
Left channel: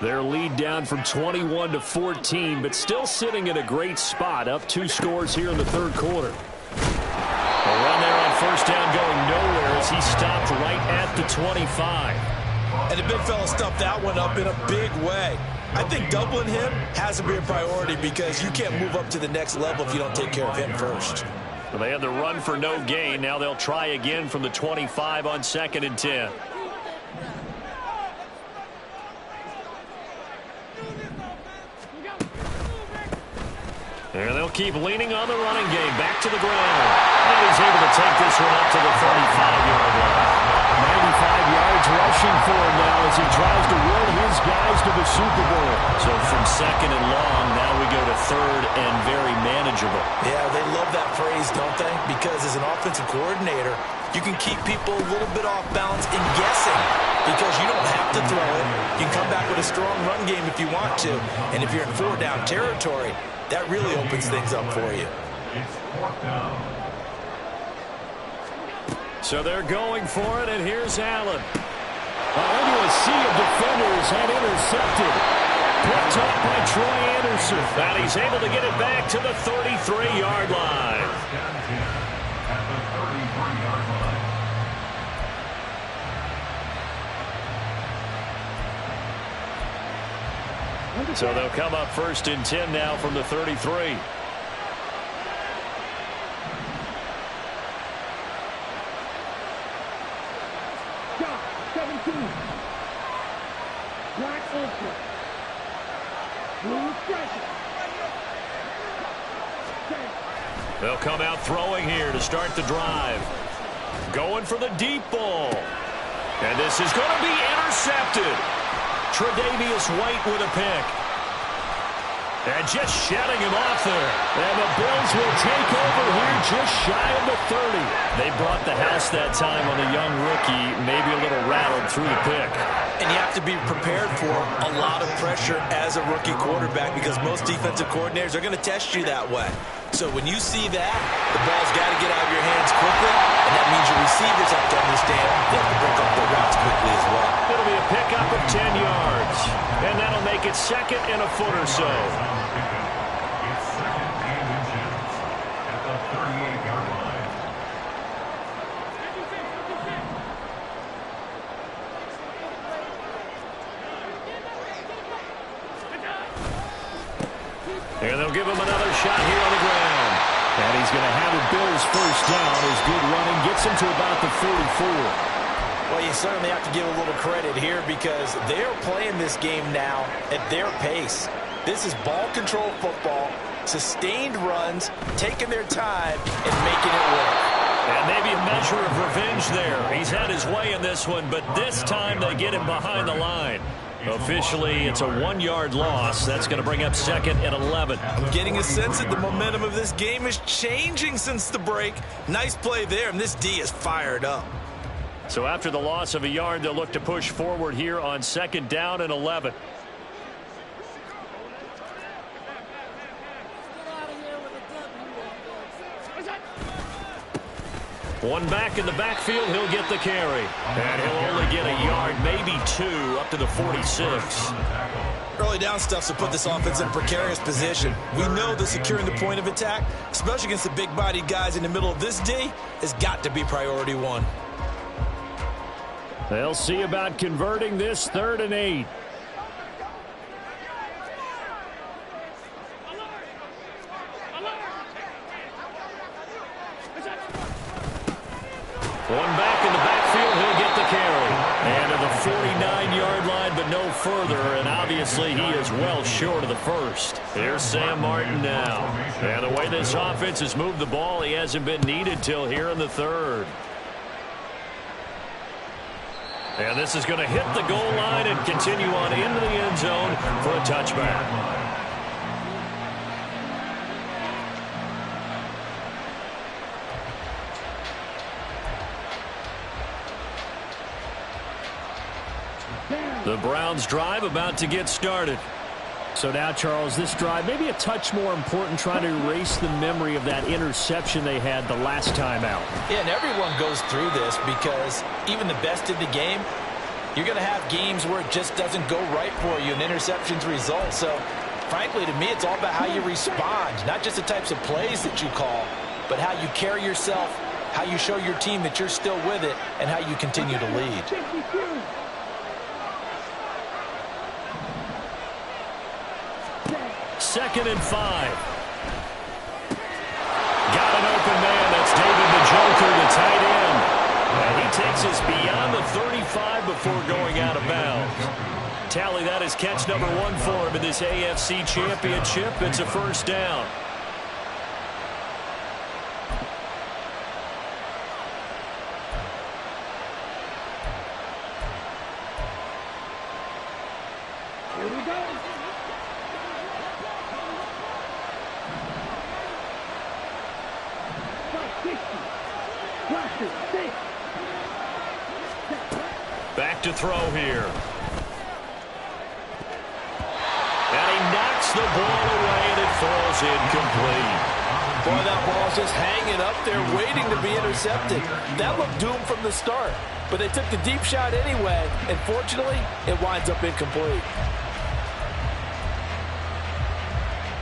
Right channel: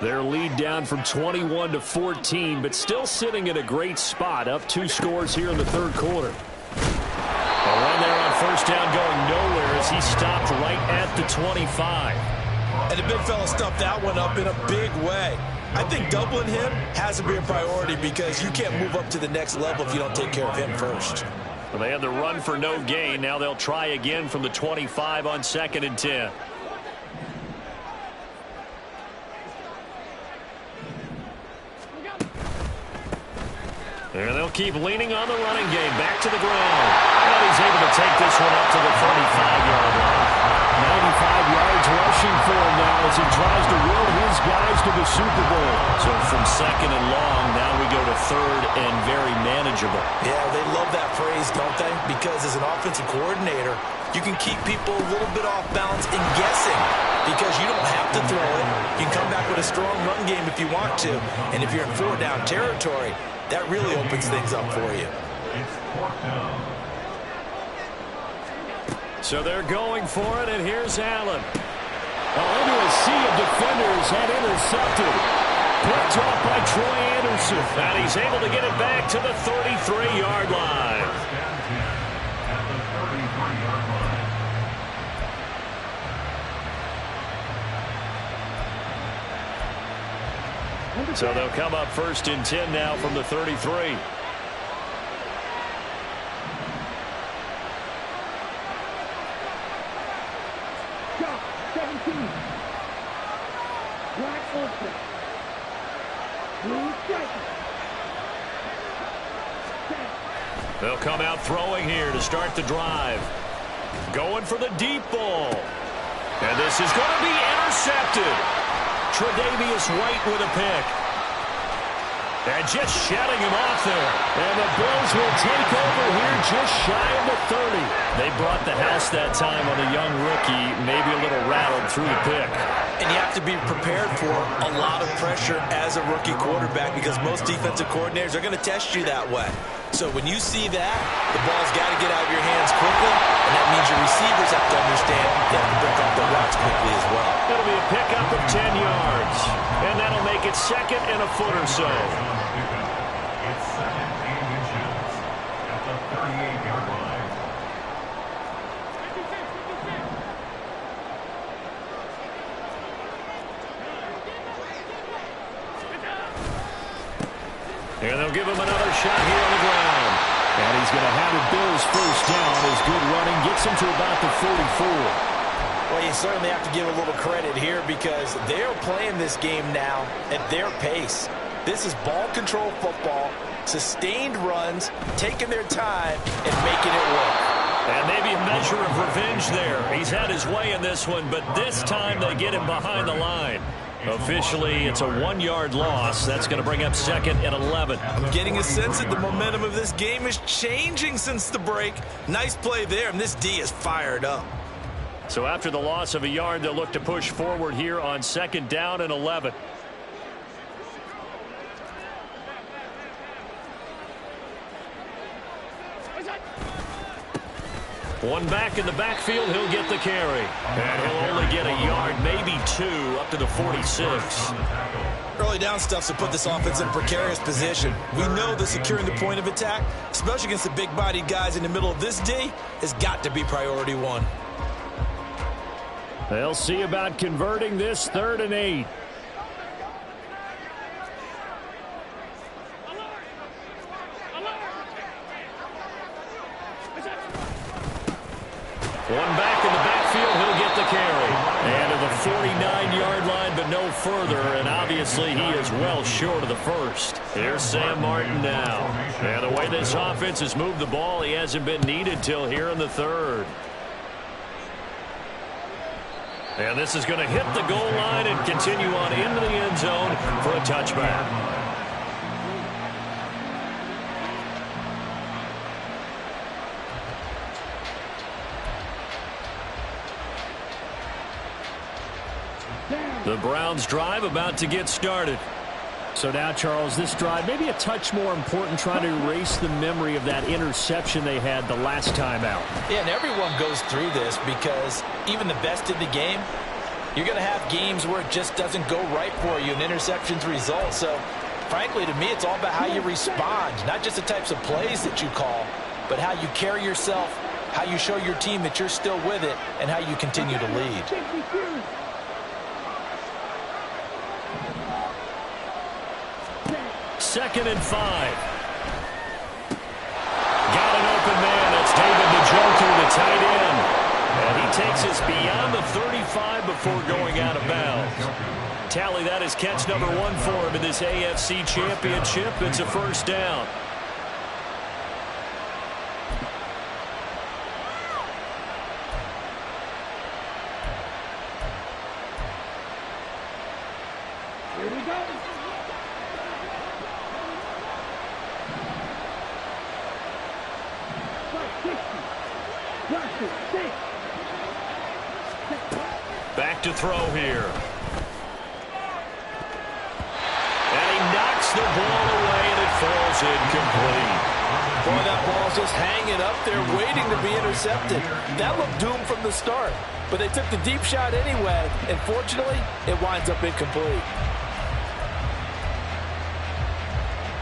Their lead down from 21 to 14, but still sitting in a great spot, up 2 scores here in the third quarter. A run there on first down going nowhere as he stopped right at the 25. And the big fella stuffed that one up in a big way. I think doubling him has to be a priority because you can't move up to the next level if you don't take care of him first. Well, they had the run for no gain. Now they'll try again from the 25 on 2nd and 10. And they'll keep leaning on the running game. Back to the ground. And he's able to take this one up to the 35-yard line. 95 yards rushing for him now as he tries to will his guys to the Super Bowl. So from 2nd and long, now we go to 3rd and very manageable. Yeah, they love that phrase, don't they? Because as an offensive coordinator, you can keep people a little bit off balance and guessing because you don't have to throw it. You can come back with a strong run game if you want to. And if you're in 4-down territory, that really opens things up for you. It's 4th down. So they're going for it, and here's Allen. Into a sea of defenders and intercepted. Picked off by Troy Anderson. And he's able to get it back to the 33-yard line. 1st and 10 at the 33-yard line. So they'll come up 1st and 10 now from the 33. Shot 17. Black ultra. Blue striker. They'll come out throwing here to start the drive. Going for the deep ball. And this is going to be intercepted. Tre'Davious White with a pick. And just shutting him off there. And the Bills will take over here just shy of the 30. They brought the house that time on the young rookie, maybe a little rattled through the pick. And you have to be prepared for a lot of pressure as a rookie quarterback because most defensive coordinators are going to test you that way. So when you see that, the ball's got to get out of your hands quickly, and that means your receivers have to understand they have to break off their routes quickly as well. It'll be a pickup of 10 yards, and that'll make it 2nd and a foot or so. It's 2nd and inches at the 38-yard line. And they'll give him another shot here on the ground. And he's going to have a Bills first down as good running gets him to about the 44. Well, you certainly have to give a little credit here because they're playing this game now at their pace. This is ball control football, sustained runs, taking their time and making it work. And maybe a measure of revenge there. He's had his way in this one, but this time they get him behind the line. Officially, it's a 1-yard loss. That's going to bring up 2nd and 11. I'm getting a sense that the momentum of this game is changing since the break. Nice play there, and this D is fired up. So after the loss of a yard, they'll look to push forward here on 2nd down and 11. One back in the backfield, he'll get the carry. And he'll only get a yard, maybe 2, up to the 46. Early down stuff to put this offense in a precarious position. We know that securing the point of attack, especially against the big-bodied guys in the middle of this D, has got to be priority 1. They'll see about converting this 3rd and 8. One back in the backfield, he'll get the carry. And to the 49-yard line, but no further. And obviously, he is well short of the first. Here's Sam Martin now. And the way this offense has moved the ball, he hasn't been needed till here in the 3rd. And this is going to hit the goal line and continue on into the end zone for a touchback. The Browns drive about to get started. So now, Charles, this drive maybe a touch more important, trying to erase the memory of that interception they had the last time out. Yeah, and everyone goes through this because even the best in the game, you're going to have games where it just doesn't go right for you and interceptions result. So, frankly, to me, it's all about how you respond, not just the types of plays that you call, but how you carry yourself, how you show your team that you're still with it, and how you continue to lead. 2nd and 5. Got an open man. That's David Njoku, the tight end. And he takes us beyond the 35 before going out of bounds. Tally, that is catch number 1 for him in this AFC Championship. It's a first down. Here we go. Back to throw here. And he knocks the ball away, and it falls incomplete. Boy, that ball's just hanging up there waiting to be intercepted. That looked doomed from the start, but they took the deep shot anyway, and fortunately, it winds up incomplete.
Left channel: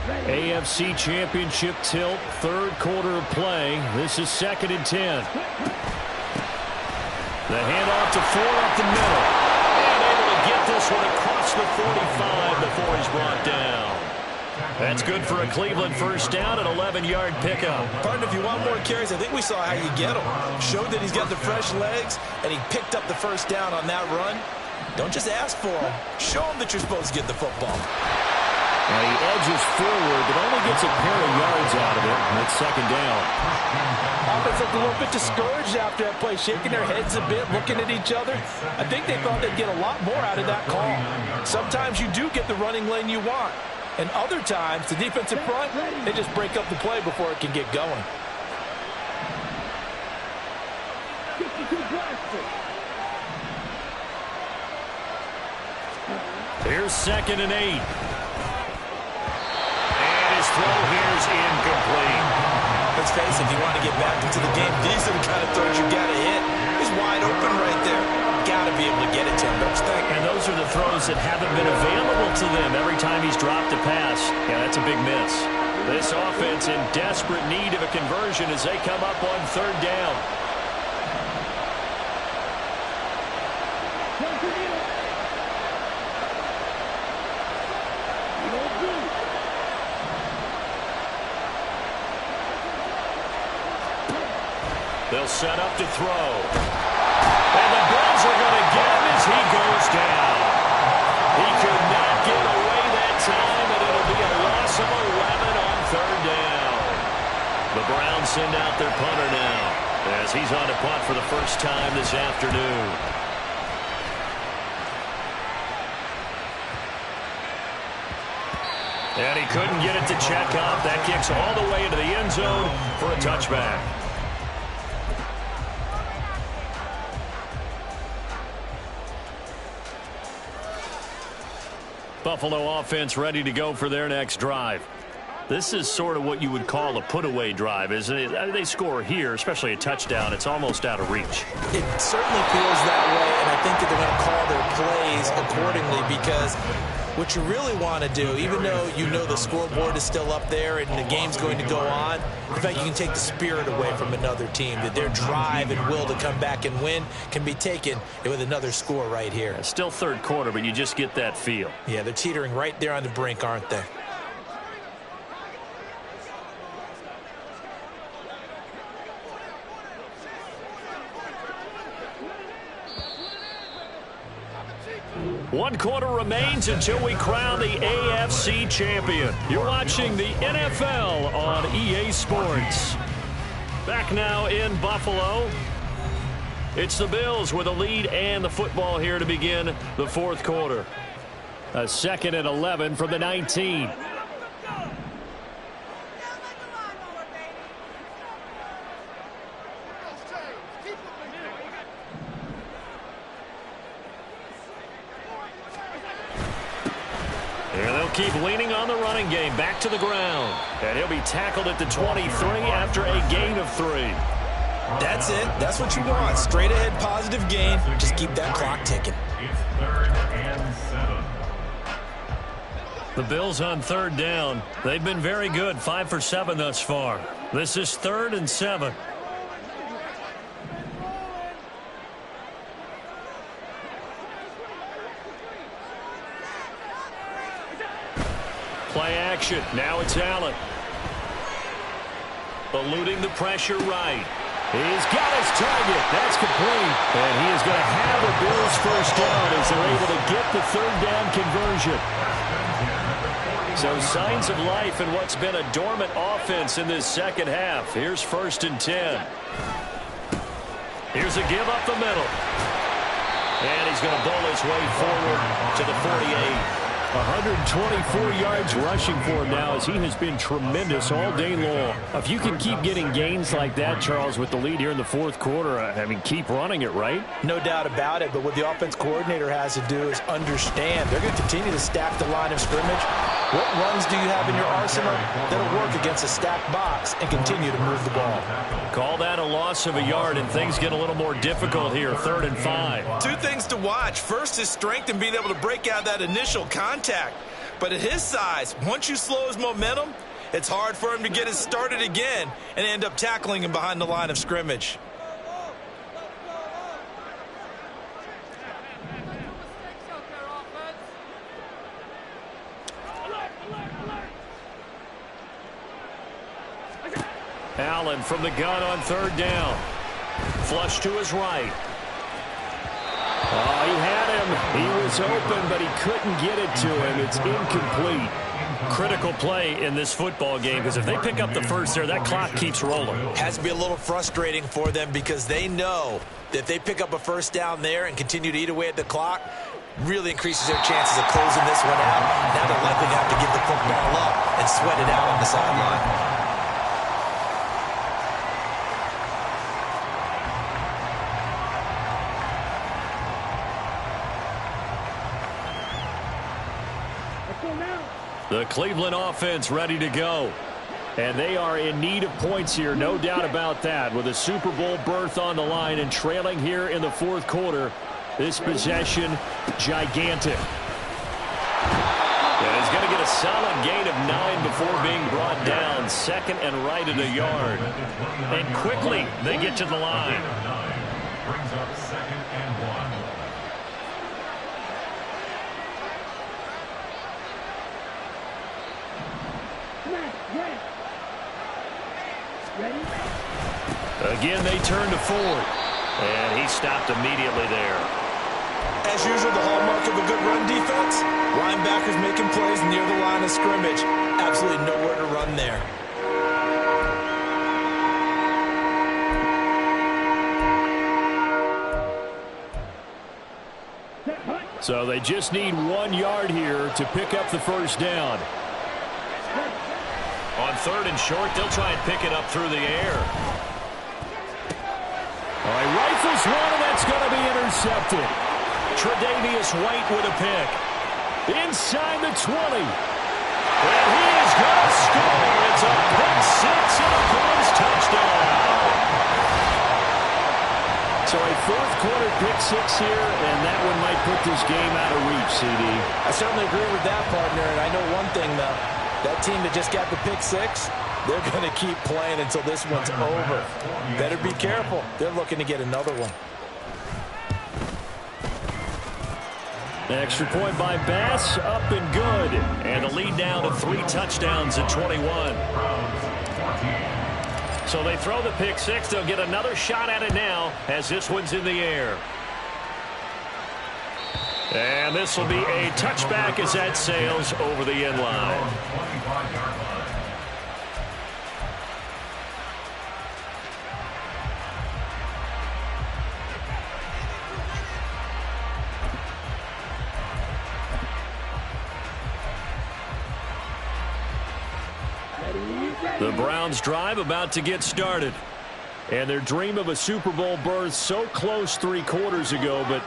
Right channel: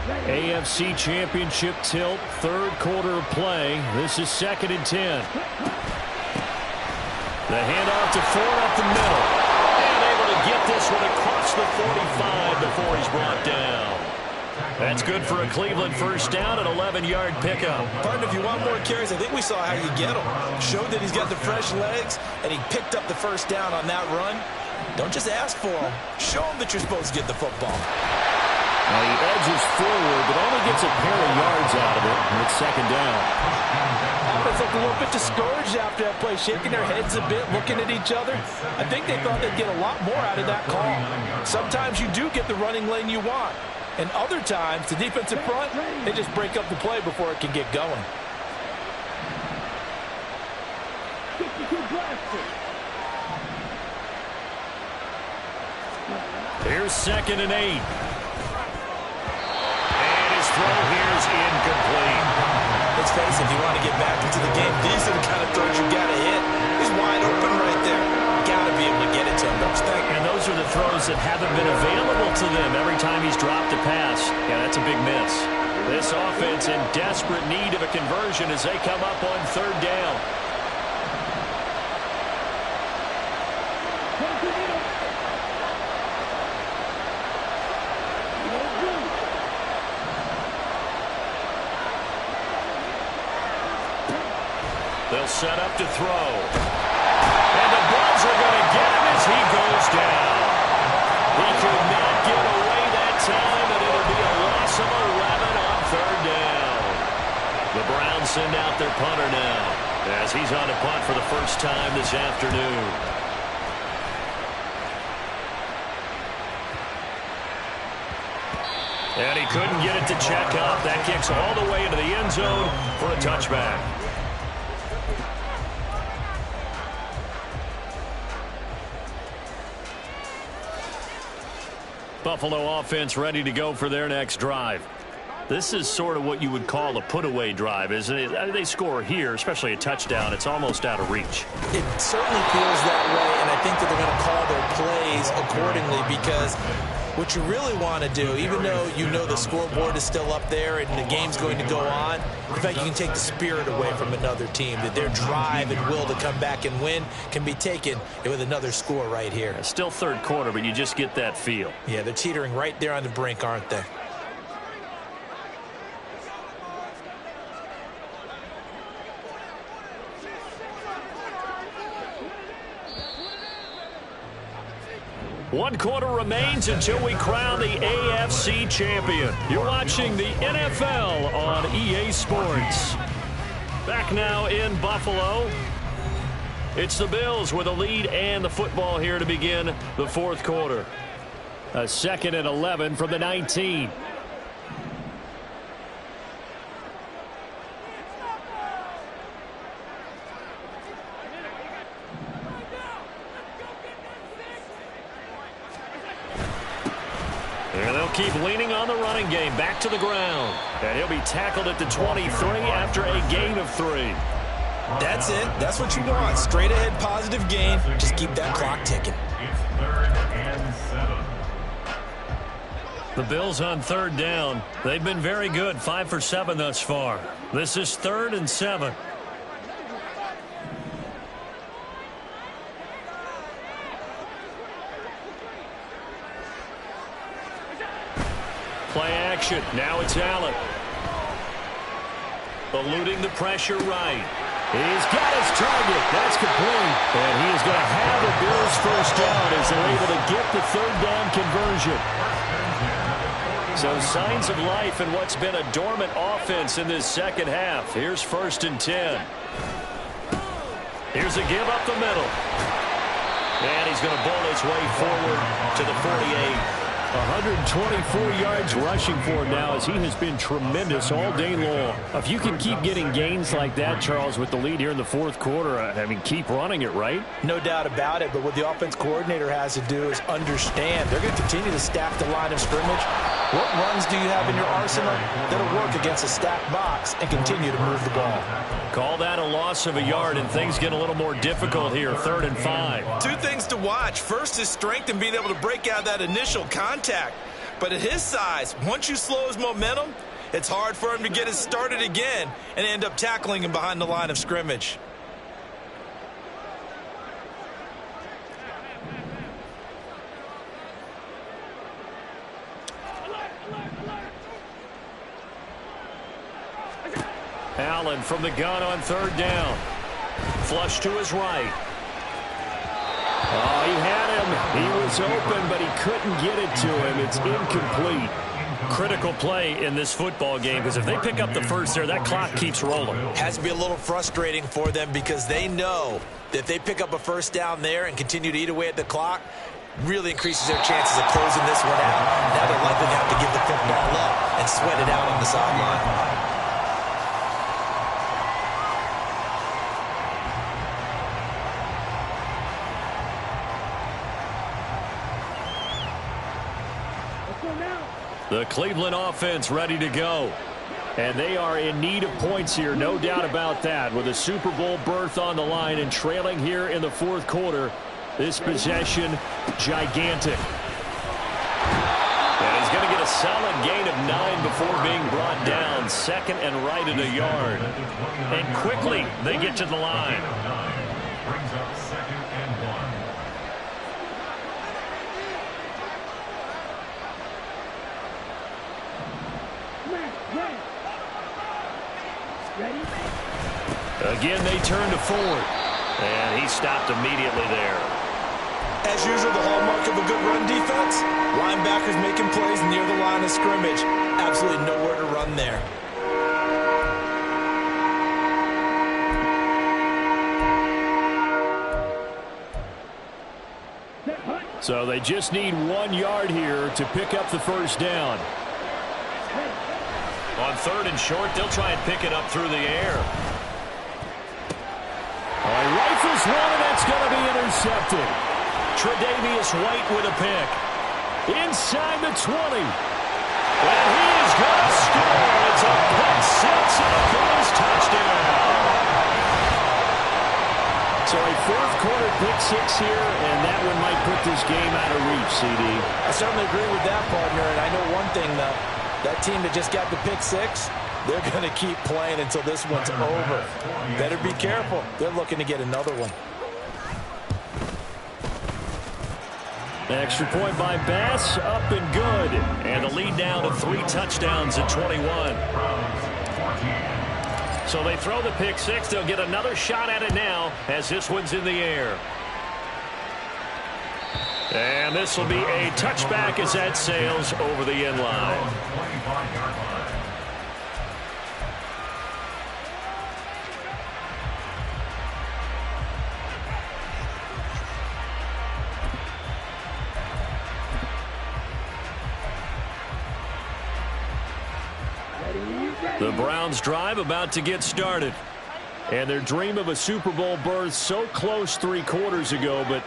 AFC Championship tilt, 3rd quarter of play. This is 2nd and 10. The handoff to Ford up the middle. And able to get this one across the 45 before he's brought down. That's good for a Cleveland first down, an 11-yard pickup. Partner, if you want more carries, I think we saw how you get him. Showed that he's got the fresh legs, and he picked up the first down on that run. Don't just ask for him. Show him that you're supposed to get the football. And he edges forward, but only gets a pair of yards out of it. And it's 2nd down. Offense looked a little bit discouraged after that play, shaking their heads a bit, looking at each other. I think they thought they'd get a lot more out of that call. Sometimes you do get the running lane you want. And other times, the defensive front, they just break up the play before it can get going. Here's 2nd and 8. His throw here is incomplete. Let's face it, if you want to get back into the game, these are the kind of throws you got to hit. He's wide open right there. Got to be able to get it to him, don't you think? And those are the throws that haven't been available to them every time he's dropped a pass. Yeah, that's a big miss. This offense in desperate need of a conversion as they come up on 3rd down. They'll set up to throw. And the Bills are going to get him as he goes down. He could not get away that time, and it'll be a loss of 11 on 3rd down. The Browns send out their punter now as he's on to punt for the first time this afternoon. And he couldn't get it to check up. That kicks all the way into the end zone for a touchback. Buffalo offense ready to go for their next drive. This is sort of what you would call a put-away drive, isn't it? They score here, especially a touchdown. It's almost out of reach. It certainly feels that way, and I think that they're going to call their plays accordingly because what you really want to do, even though you know the scoreboard is still up there and the game's going to go on, the fact you can take the spirit away from another team, that their drive and will to come back and win can be taken with another score right here. Yeah, still 3rd quarter, but you just get that feel. Yeah, they're teetering right there on the brink, aren't they? One quarter remains until we crown the AFC champion. You're watching the NFL on EA Sports. Back now in Buffalo. It's the Bills with a lead and the football here to begin the 4th quarter. A 2nd and 11 from the 19. And they'll keep leaning on the running game. Back to the ground. And he'll be tackled at the 23 after a gain of 3. That's it. That's what you want. Straight ahead positive gain. Just keep that clock ticking. It's 3rd and 7. The Bills on 3rd down. They've been very good, 5 for 7 thus far. This is 3rd and 7. Play action. Now it's Allen. Eluding the pressure right. He's got his target. That's complete. And he is going to have the Bills first down as they're able to get the 3rd down conversion. So signs of life in what's been a dormant offense in this second half. Here's 1st and 10. Here's a give up the middle. And he's going to bowl his way forward to the 48. 124 yards rushing for him now as he has been tremendous all day long. If you can keep getting gains like that, Charles, with the lead here in the 4th quarter, I mean, keep running it, right? No doubt about it, but what the offense coordinator has to do is understand they're going to continue to stack the line of scrimmage. What runs do you have in your arsenal that'll work against a stacked box and continue to move the ball? Call that a loss of a yard, and things get a little more difficult here, 3rd and 5. 2 things to watch. First is strength and being able to break out that initial contact. But at his size, once you slow his momentum, it's hard for him to get it started again and end up tackling him behind the line of scrimmage. Allen from the gun on 3rd down. Flush to his right. Oh, he had him. He was open, but he couldn't get it to him. It's incomplete. Critical play in this football game, because if they pick up the first there, that clock keeps rolling. Has to be a little frustrating for them because they know that if they pick up a first down there and continue to eat away at the clock, really increases their chances of closing this one out. Now they're likely to have to give the football up and sweat it out on the sideline. The Cleveland offense ready to go. And they are in need of points here, no doubt about that. With a Super Bowl berth on the line and trailing here in the 4th quarter, this possession, gigantic. And he's going to get a solid gain of 9 before being brought down. 2nd and right at a yard. And quickly, they get to the line. Brings up 2nd and 1. Again, they turn to Ford. And he stopped immediately there. As usual, the hallmark of a good run defense, linebackers making plays near the line of scrimmage. Absolutely nowhere to run there. So they just need 1 yard here to pick up the first down. On 3rd and short, they'll try and pick it up through the air. Oh, he rifles one, and that's going to be intercepted. Tre'Davious White with a pick. Inside the 20. And he is going to score. It's a pick 6 and a Bills touchdown. So a 4th quarter pick 6 here, and that one might put this game out of reach, CD. I certainly agree with that, partner, and I know one thing, though. That team that just got the pick 6, they're going to keep playing until this one's over. Better be careful. They're looking to get another one. Extra point by Bass, up and good. And the lead down to 3 touchdowns at 21. So they throw the pick 6. They'll get another shot at it now as this one's in the air. And this will be a touchback as that sails over the end line. 25-yard line. The Browns drive about to get started. And their dream of a Super Bowl berth so close 3 quarters ago, but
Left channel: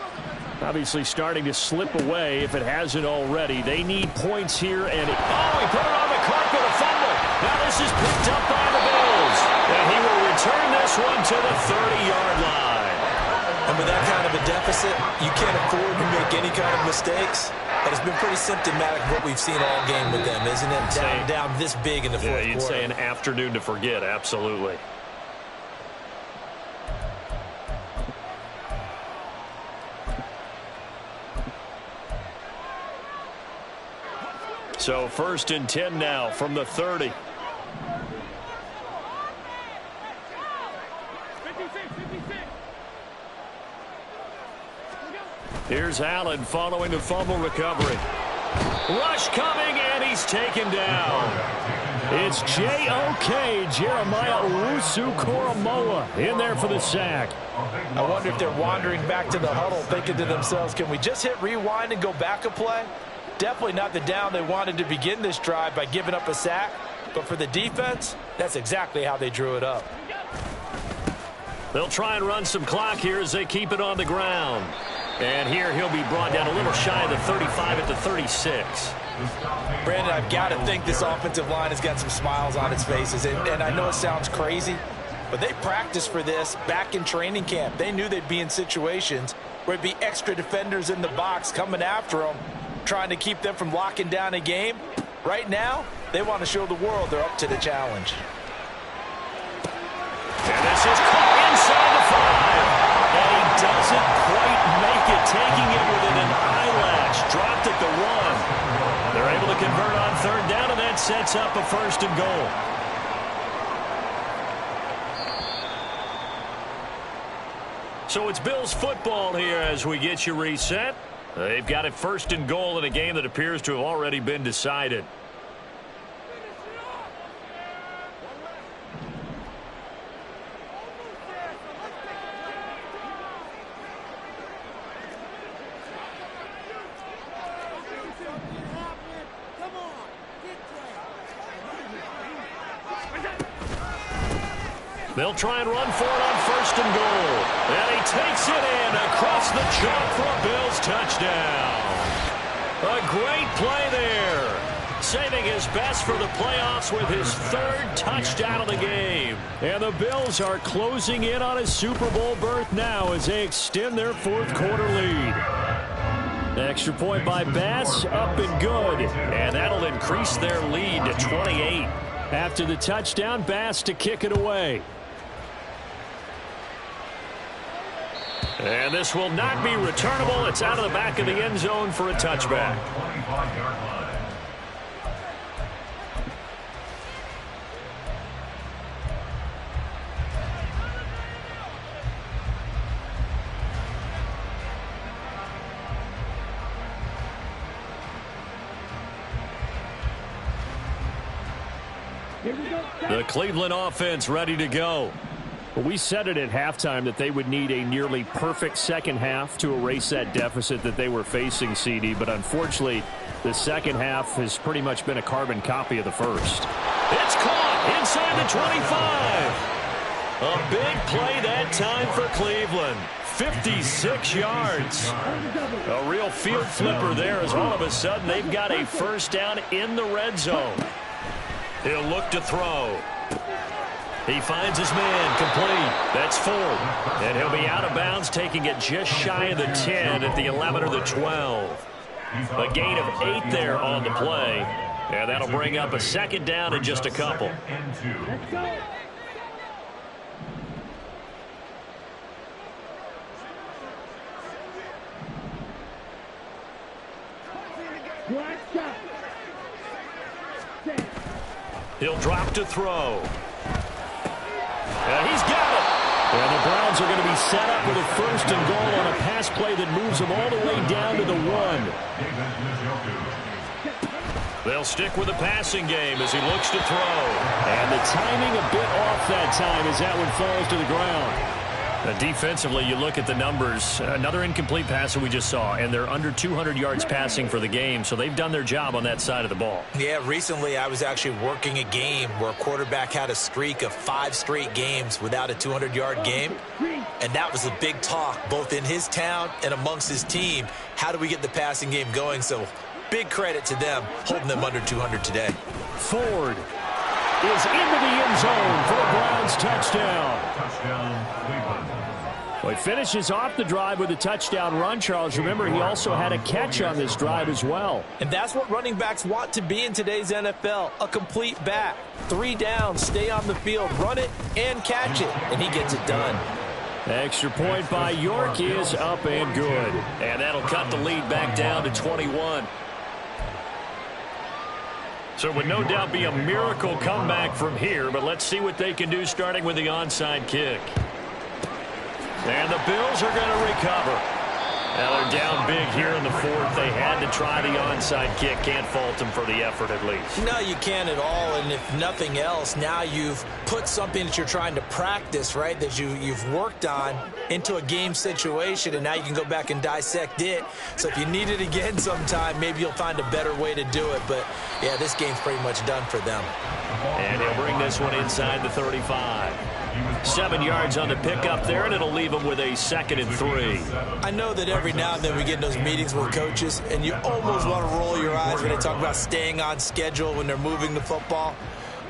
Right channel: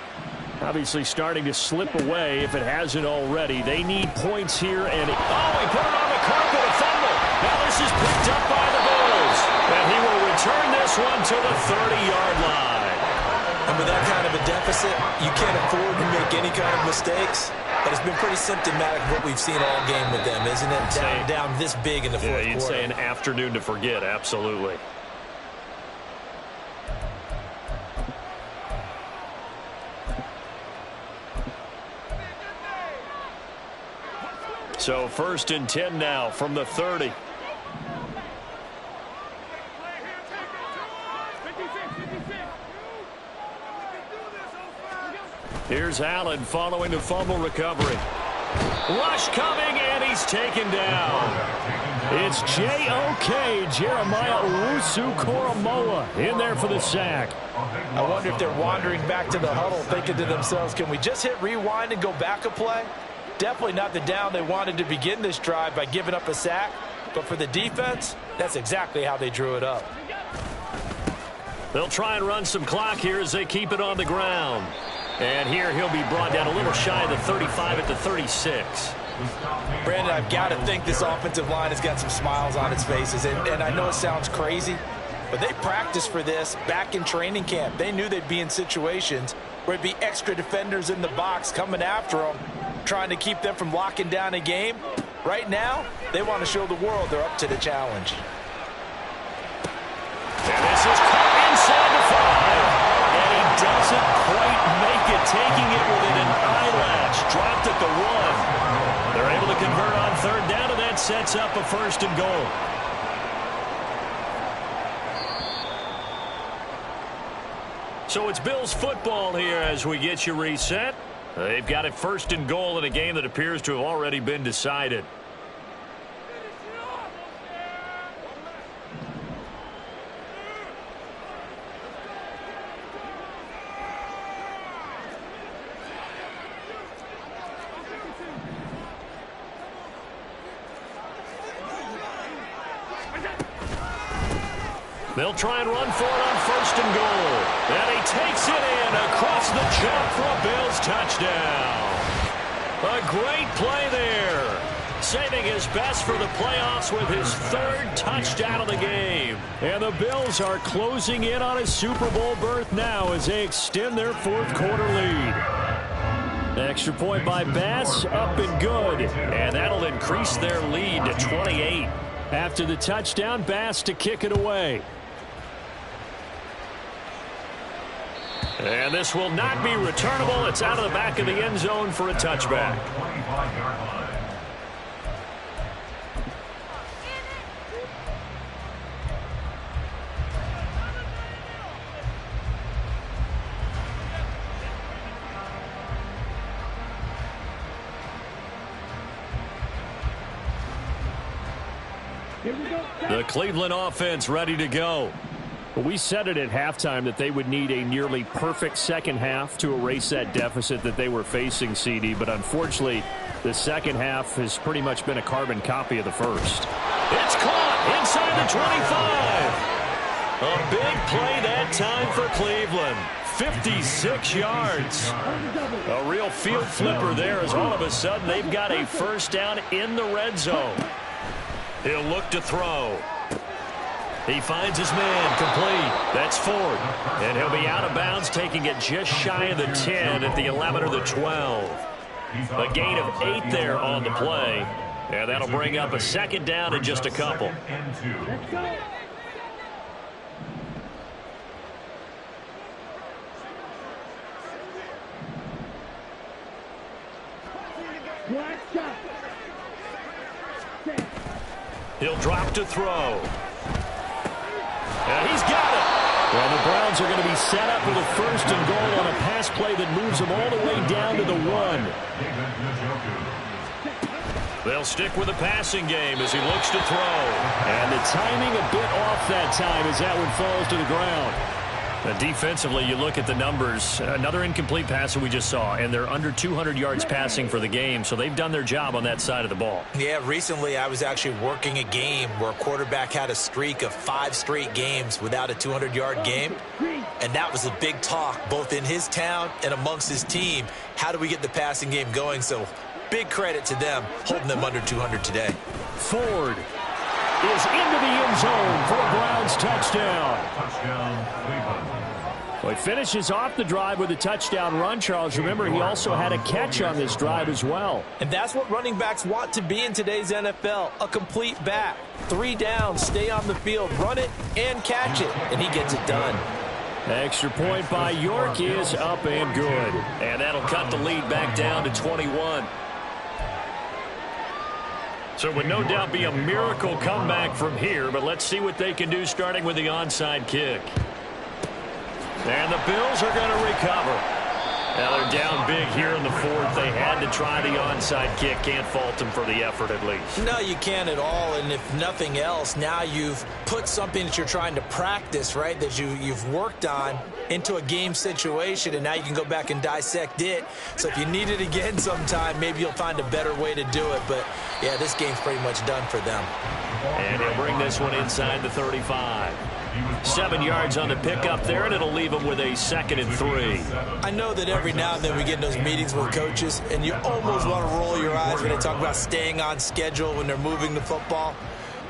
Obviously starting to slip away if it hasn't already. They need points here. And oh, he put it on the carpet, a fumble. Now this is picked up by the Bills. And he will return this one to the 30-yard line. And with that kind of a deficit, you can't afford to make any kind of mistakes. But it's been pretty symptomatic of what we've seen all game with them, isn't it? Down this big in the fourth quarter. You'd say an afternoon to forget, absolutely. So 1st and 10 now from the 30. Here's Allen following the fumble recovery. Rush coming, and he's taken down. It's J.O.K. Jeremiah Owusu-Koramoah in there for the sack. I wonder if they're wandering back to the huddle thinking to themselves, can we just hit rewind and go back a play? Definitely not the down they wanted to begin this drive by giving up a sack. But for the defense, that's exactly how they drew it up. They'll try and run some clock here as they keep it on the ground. And here he'll be brought down a little shy of the 35 at the 36. Brandon, I've got to think this offensive line has got some smiles on its faces. And I know it sounds crazy, but they practiced for this back in training camp. They knew they'd be in situations where there'd be extra defenders in the box coming after them, trying to keep them from locking down a game. Right now, they want to show the world they're up to the challenge. And this is caught inside the 5. And he doesn't quite make it, taking it within an eyelash. Dropped at the 1. They're able to convert on 3rd down, and that sets up a 1st and goal. So it's Bills football here as we get you reset. They've got it 1st and goal in a game that appears to have already been decided. They'll try and run for it on 1st and goal. And he takes it in across the chalk for a Bills touchdown. A great play there. Saving his best for the playoffs with his 3rd touchdown of the game. And the Bills are closing in on a Super Bowl berth now as they extend their 4th quarter lead. Extra point by Bass, up and good. And that'll increase their lead to 28. After the touchdown, Bass to kick it away. And this will not be returnable. It's out of the back of the end zone for a touchback. The Cleveland offense ready to go. We said it at halftime that they would need a nearly perfect second half to erase that deficit that they were facing, CD. But unfortunately, the second half has pretty much been a carbon copy of the first. It's caught inside the 25. A big play that time for Cleveland. 56 yards. A real field flipper there as all of a sudden they've got a 1st down in the red zone. He'll look to throw. He finds his man complete. That's Ford. And he'll be out of bounds, taking it just shy of the 10 at the 11 or the 12. A gain of 8 there on the play. And that'll bring up a 2nd down in just a couple. Let's go. Black shot. He'll drop to throw. And he's got it. And the Browns are going to be set up with a 1st and goal on a pass play that moves them all the way down to the 1. They'll stick with the passing game as he looks to throw. And the timing a bit off that time as that one falls to the ground. Defensively, you look at the numbers. Another incomplete pass that we just saw, and they're under 200 yards passing for the game, so they've done their job on that side of the ball. Yeah, recently I was actually working a game where a quarterback had a streak of 5 straight games without a 200-yard game, and that was a big talk both in his town and amongst his team. How do we get the passing game going? So big credit to them holding them under 200 today. Ford is into the end zone for a Browns touchdown. Touchdown, Cleveland. Well, he finishes off the drive with a touchdown run, Charles. Remember, he also had a catch on this drive as well. And that's what running backs want to be in today's NFL, a complete back. 3 downs, stay on the field, run it, and catch it. And he gets it done. Extra point by York is up and good. And that'll cut the lead back down to 21. So it would no doubt be a miracle comeback from here, but let's see what they can do starting with the onside kick. And the Bills are going to recover. Now they're down big here in the fourth. They had to try the onside kick. Can't fault them for the effort at least. No, you can't at all. And if nothing else, now you've put something that you're trying to practice, right, that you've worked on into a game situation, and now you can go back and dissect it. So if you need it again sometime, maybe you'll find a better way to do it. But, yeah, this game's pretty much done for them. And he'll bring this one inside the 35. 7 yards on the pickup there, and it'll leave them with a 2nd and 3. I know that every now and then we get in those meetings with coaches, and you almost want to roll your eyes when they talk about staying on schedule when they're moving the football.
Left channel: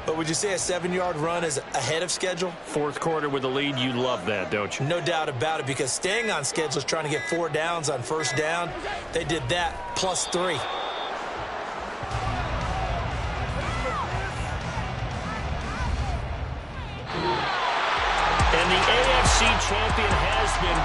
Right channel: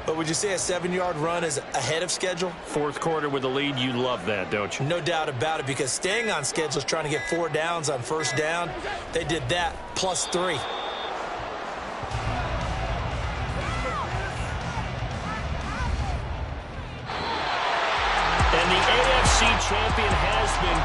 But would you say a 7-yard run is ahead of schedule? Fourth quarter with the lead, you love that, don't you? No doubt about it, because staying on schedule is trying to get 4 downs on first down. They did that plus 3. And the AFC champion has been